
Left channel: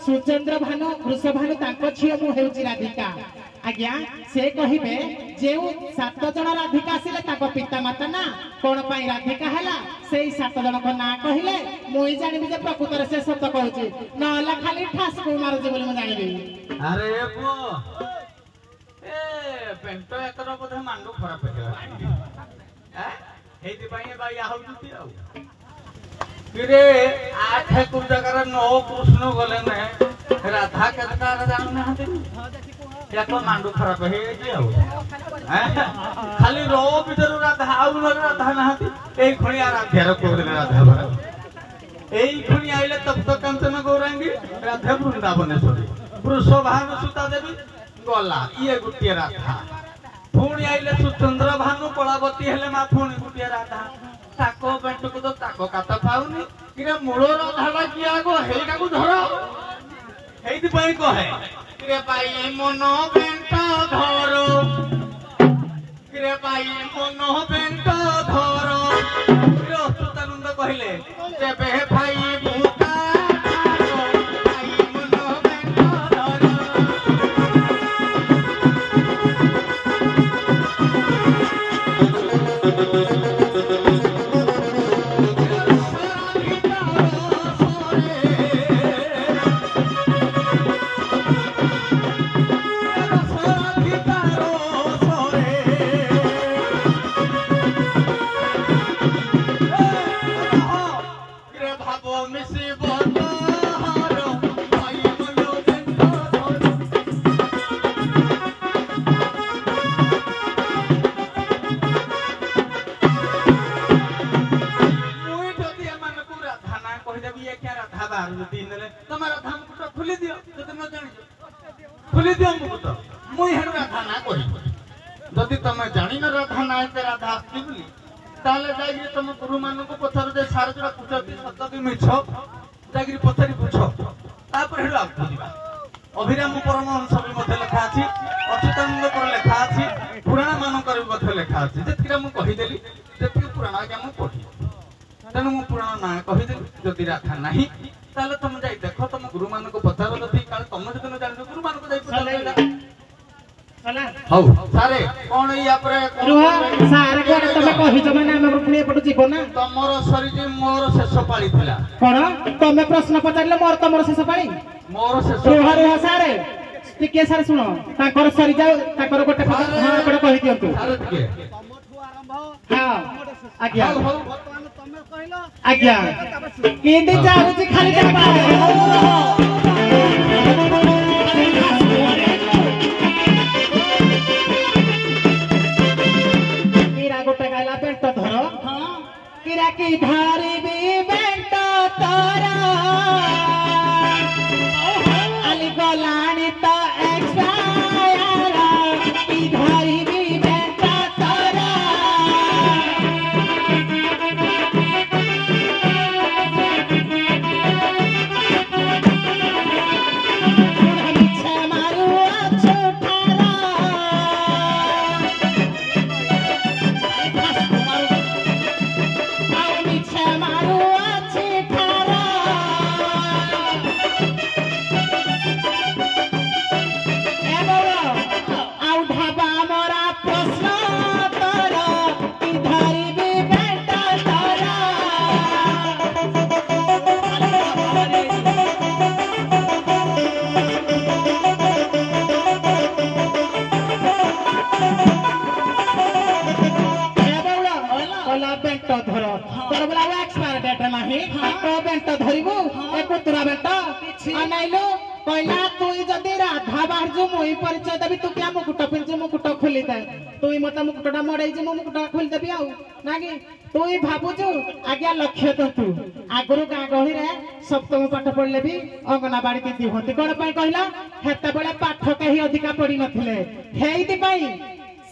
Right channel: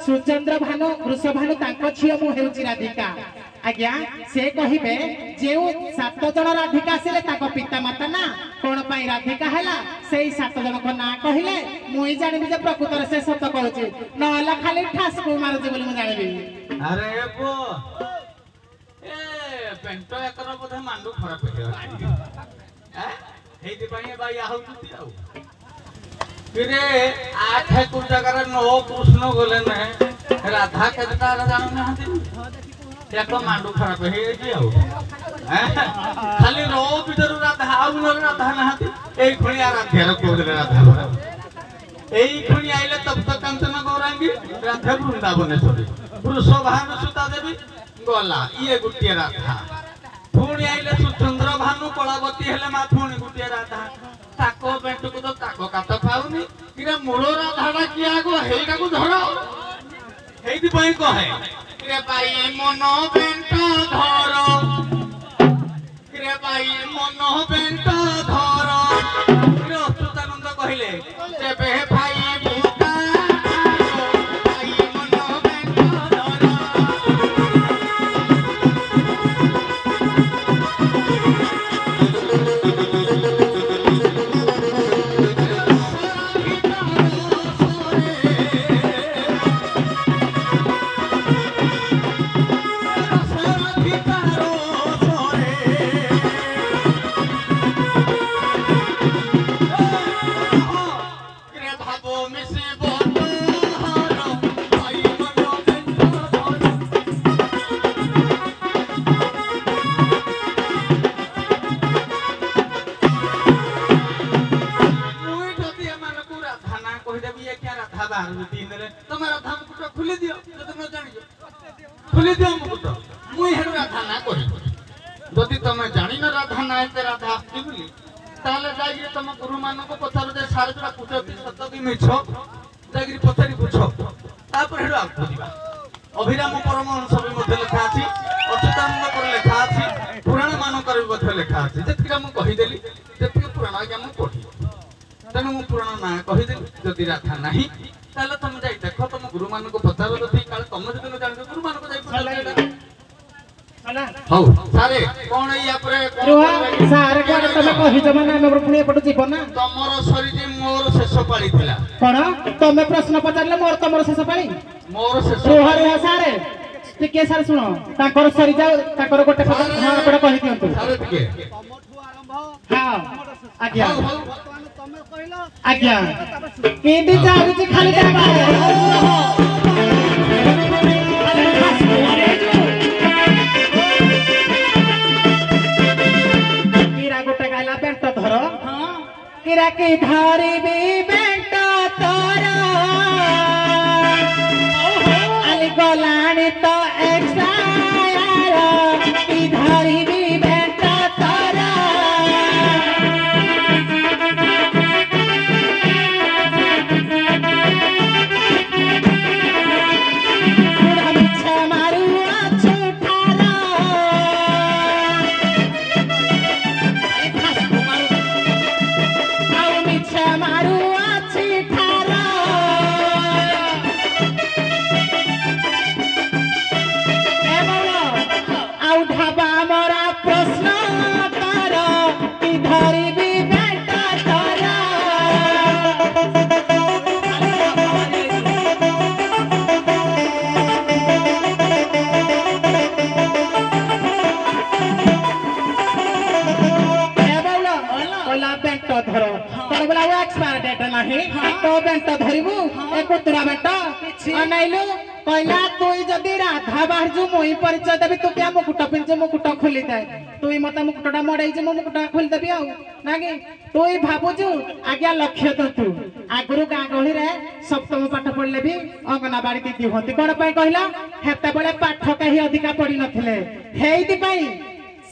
सुचंद्र भानु वृषभानु तांको छियो मु हेउची राधिका आज्ञा से कहिबे जे 7 जन राधिका आसिले ताको पिता माता ना कोन पई राधिका हैला सेई 7 जन को ना कहिले मुई जानिबि जे प्रकृतर से सत्य कहूची नहला खाली ठासको मारजे बोली म जानिबि। अरे ए पो ए पेंटो एकर बोधे मांडू खराब हेला हेति पई बाई आहुती आउ किरे 8 कुल जगह 9 कृष्ण गले ने राधा केटा जान नहती याको मांडू खराब हेति आउ खाली रो भीतर राधा आउ न राधा नहती एई खणी आराध्या रो कोदे राधा भरा एई खणी आइले तब तक कंचन गौरांगी राधा वृंदावनेश्वरी वृषभानु सुता देवी गला ये गुटिया राधा पुणी आइले सुचंद्र भानु कलावती हेले मा पुणी गुटिया राधा ताको बेंटू को तो ताको काता पाउनी किरा मूल राधाडा किया गो हेगा को धरो हेति पई कहे किरे पाई मन बेंटो धरो किरे पाई मन बेंटो धरो किरे अच्युतानंद कहिले जेबे भाई बुका पाई मन बेंटो धरो खुली दियो मुकुट मुई हेन राधा ना कहि जदि तमे जानि न राधा ना ते राधा आस्ति बोली ताले जाई तमे गुरु मान को पचार जे सारे जरा पुछती सत कि मिछो जागिर पचारी पुछो तापर हेडो आगु दिबा अभिराम परमहंस भी मध्य लेखा अछि अच्युतानंद पर लेखा अछि पुराण मान कर भी मध्य लेखा अछि जेतिका मु कहि देली जेतिका पुराण आज्ञा मु पढी तनु मु पुराण ना कहि देली जदि राधा नाही ताले तमे जाई देखो तमे गुरु मान को पचारो जदि काल तमे जदि न जानि गुरु मान को जाई पचारो चला हौ सारे कोन या पर रुहा सारे कोन तमे कहि जमा ना हम पुणे पटु जीव ना तमरो शरीर मोर शेष पाळी थिला कोन तमे प्रश्न पचारले मोर तमरो शेष पाळी मोर शेष रुहा रुहा सारे टिके सारे सुनो ताकर सरी जाओ ताकर गोटे हां गोटे कहि दियंतु सारे टिके हां आज्ञा हौ तमे कहलो आज्ञा केंदी जाउची खाली जगह किरा की धारी भी बेंटा तोरा अली गोलानी तो एक्सपायर की धारी भी बेंटा तोरा मारू छोटा राधा बाहर मुई परिचय देवी तू क्या मुकुट पिंचे मुकुट खोली जाए तुई मत मुकुटा मड़े मुकुट खोली देवी आउ ना कि तुई भावुचु आज्ञा लक्ष्य तो तू आगुरी गाँ गहली सप्तम पाठ पढ़ले भी अंगनवाड़ी दीदी हमें कौन कहला हेत बेले पाठ कहीं अधिका पढ़ी नथिले हेइति पई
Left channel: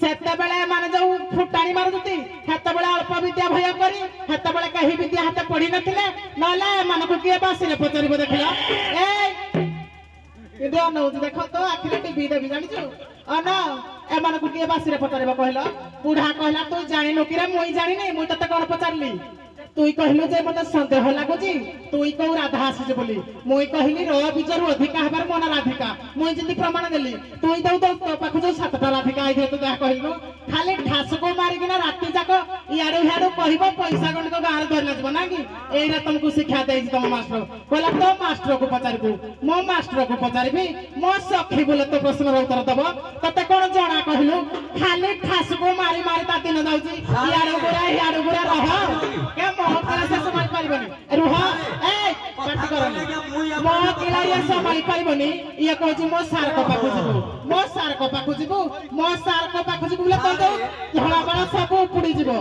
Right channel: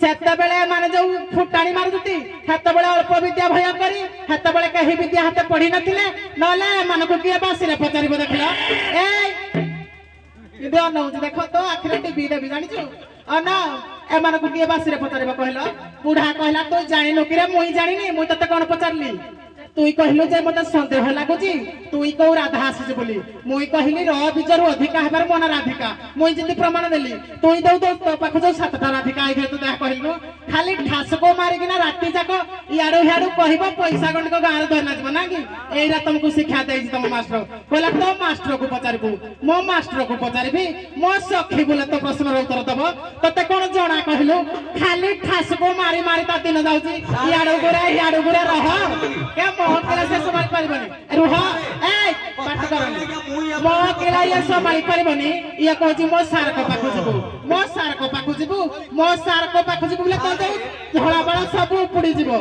सेते बेले माने जो फुटाणी मारुती हेते बेले अल्प विद्या भय करी हेते बेले कहीं विद्या हेते पढ़ी नथिले नले मानको किए बासिरे पचारिबो देखला ए इदे अनौ देखो तो आखिरे टीवी देबी जानिछु अना ए मानको किए बासिरे पचारिबो कहला बुढ़ा कहला तो जानि नो किरे मुई जानि नै मुई तते कोन पचारली তুই কহিলু যে মতে সন্দেহ লাগুছি তুই কৌ রাধা আসিছু বলি মুই কহিলি র বিজরু অধিকা হবার মন রাধিকা মুই যেমনি প্রমাণ দেলি তুই দেউ দেউ তো পাখু যে 7টা রাধিকা আইছে তো দেখা কহিলু খালি ঠাসকো মারিকিনা রাতি যাক ইয়াড়ু হিয়াড়ু কহিব পয়সা গଣ୍ଡିକ ଗାଁରେ ଧରିଲା ଯିବ ନା କି ଏଇଟା ତମକୁ ଶିକ୍ଷା ଦେଇଛି ତମ ମାଷ୍ଟର କହିଲା ତ ମାଷ୍ଟରକୁ ପଚାରିବୁ ମୋ ମାଷ୍ଟରକୁ ପଚାରିବି ମୋ ସଖୀ ବୋଲେ ତ ପ୍ରଶ୍ନର ଉତ୍ତର ଦବ ତତେ କଣ ଜଣା କହିଲୁ ଖାଲି ଠାସକୁ ମାରି ମାରି ତା ଦିନ ଯାଉଛି ଇଆଡୁ ଗୁରେ ରହ କେ ମୋ କଳେ ସେ ସମ୍ଭାଳି ପାରିବନି ରୁହ ଏ ପାଠ କରନି ମୋ କଳେ ଇଏ ସମ୍ଭାଳି ପାରିବନି ଇଏ କହୁଛି ମୋ ସାରଙ୍କ ପାଖକୁ ଯିବୁ ମୋ ସାରଙ୍କ ପାଖକୁ ଯିବୁ ମୋ ସାରଙ୍କ ପାଖକୁ ଯିବୁ ବୋଲେ ତତେ ଧଳା ବେଳା ସବୁ ଉପୁଡି ଯିବ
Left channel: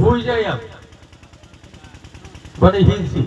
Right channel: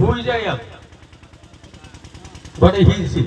भूल जाए आप बड़े ही सी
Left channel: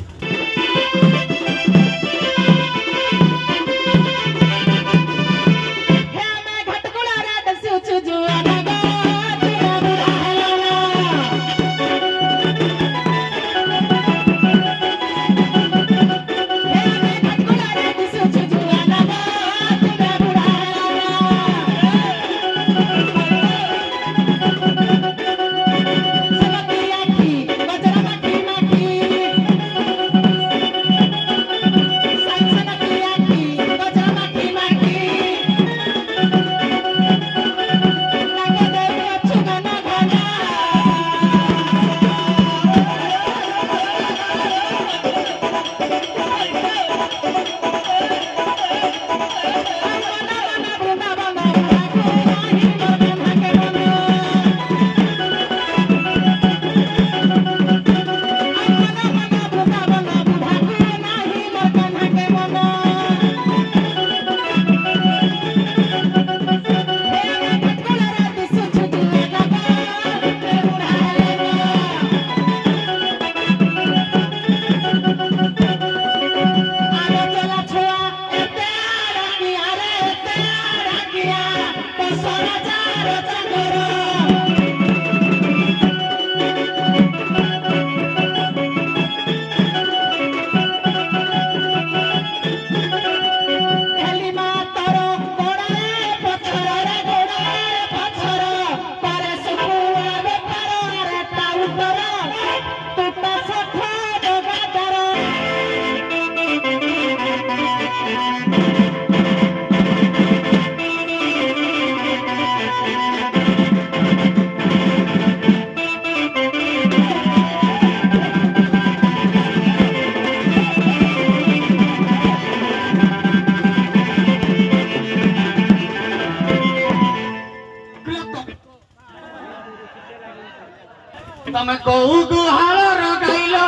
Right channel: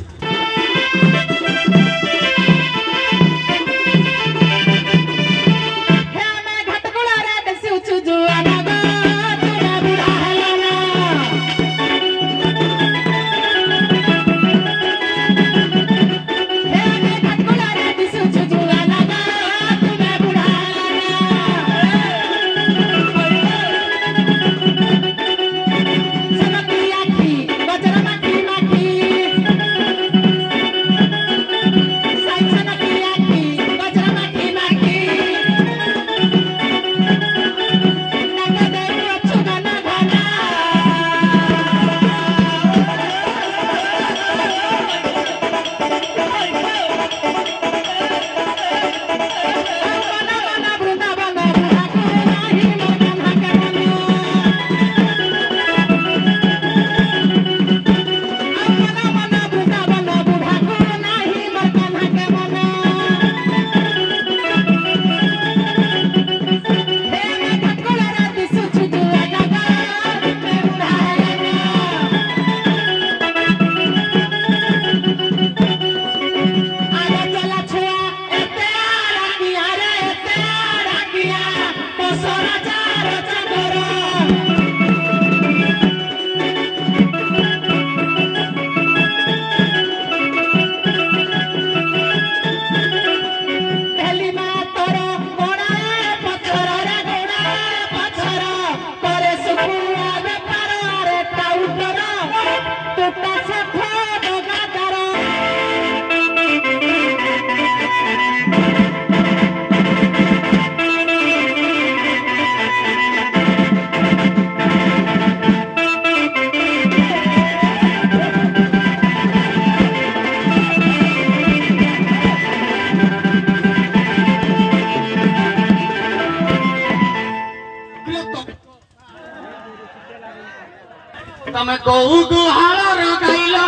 तमे कहू गुहार गाइलो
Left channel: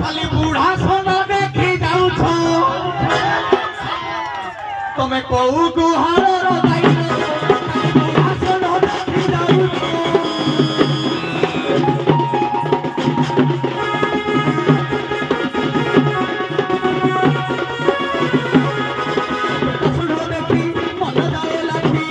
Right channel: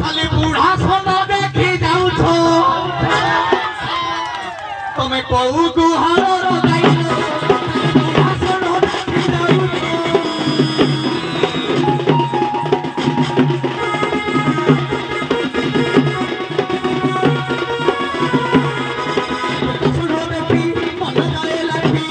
खाली बूढ़ा सोना देखी जाऊ छो तमे कहू गुहार गाइलो बूढ़ा सोना देखी जाऊ छो सोना देखी मन जाए लाठी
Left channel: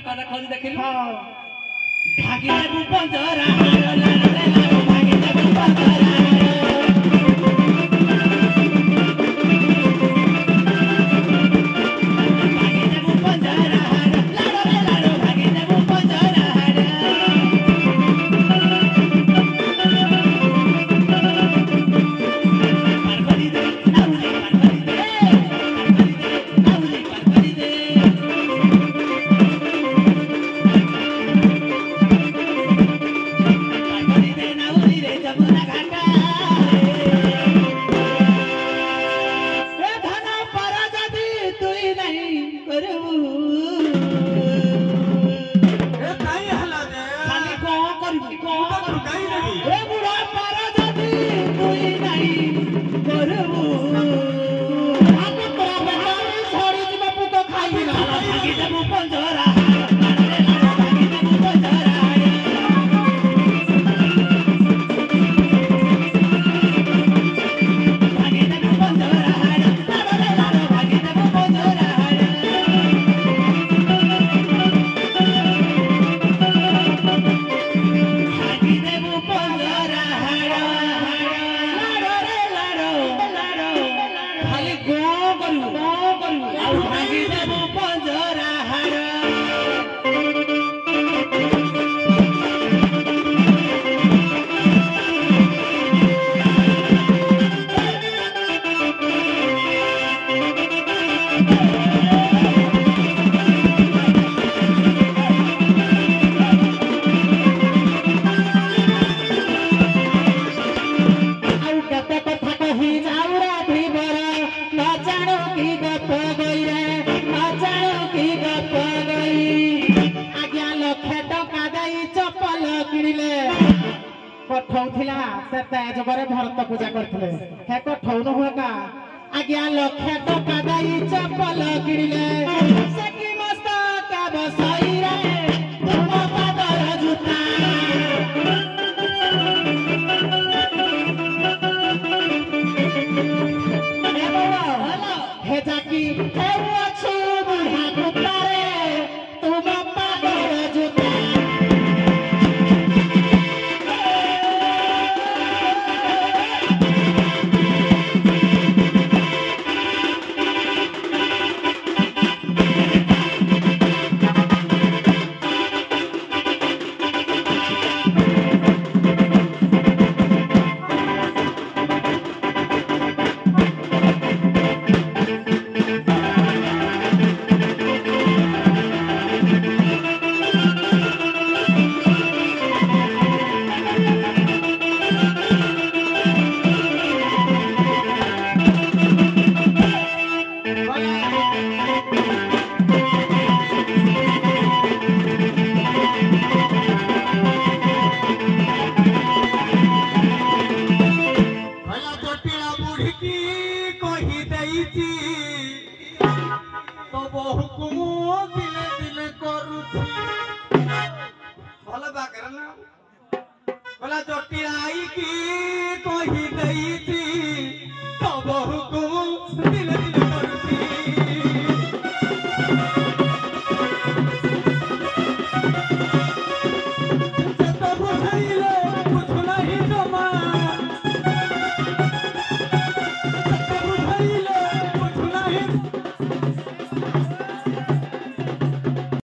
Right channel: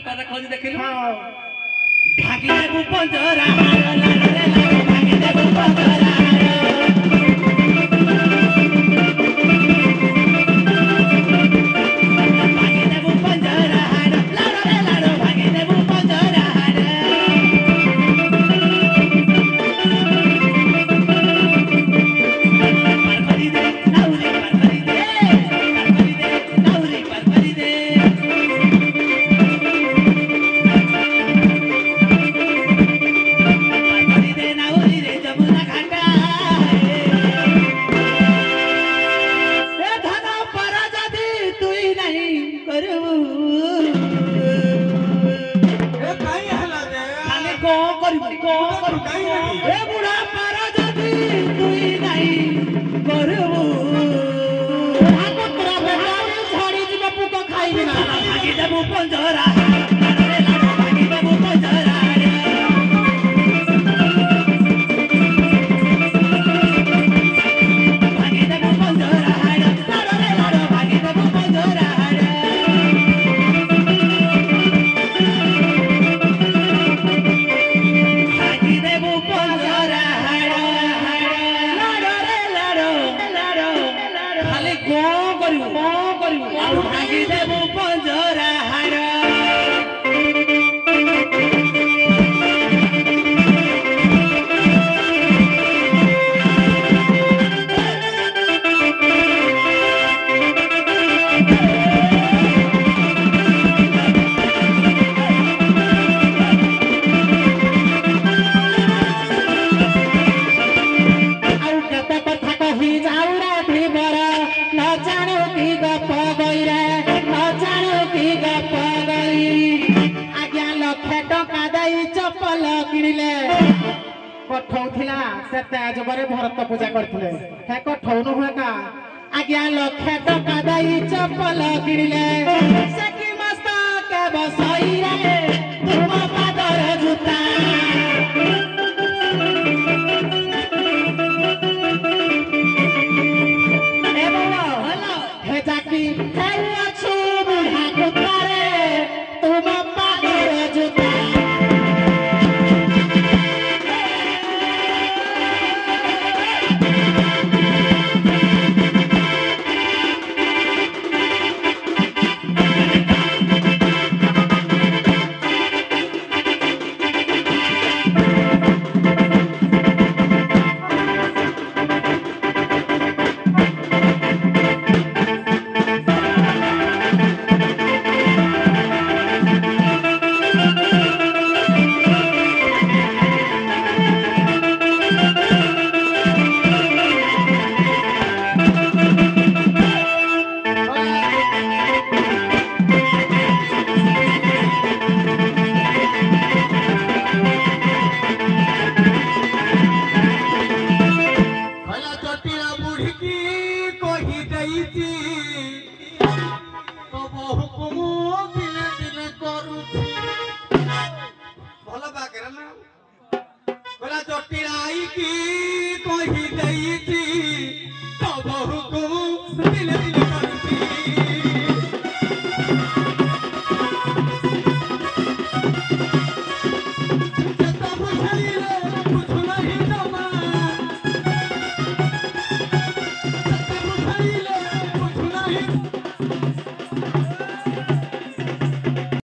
ତାର ଖୋଜି ଦେଖିଲୁ ହଁ ଭାଗି ଦେବୁ ପଞ୍ଜରା ଭାଗି ଦେବୁ ପଞ୍ଜରା भरत पूजा करते हे कठौन हुए का आज्ञा लक्षे टका दई चपल किणिले सखी मस्तक बसई रे तुम पादर जूता ए बोलो हे जाकी जाऊ अछि बुढ़ा कुतारे तुम पादर जूता जटिलाई की कही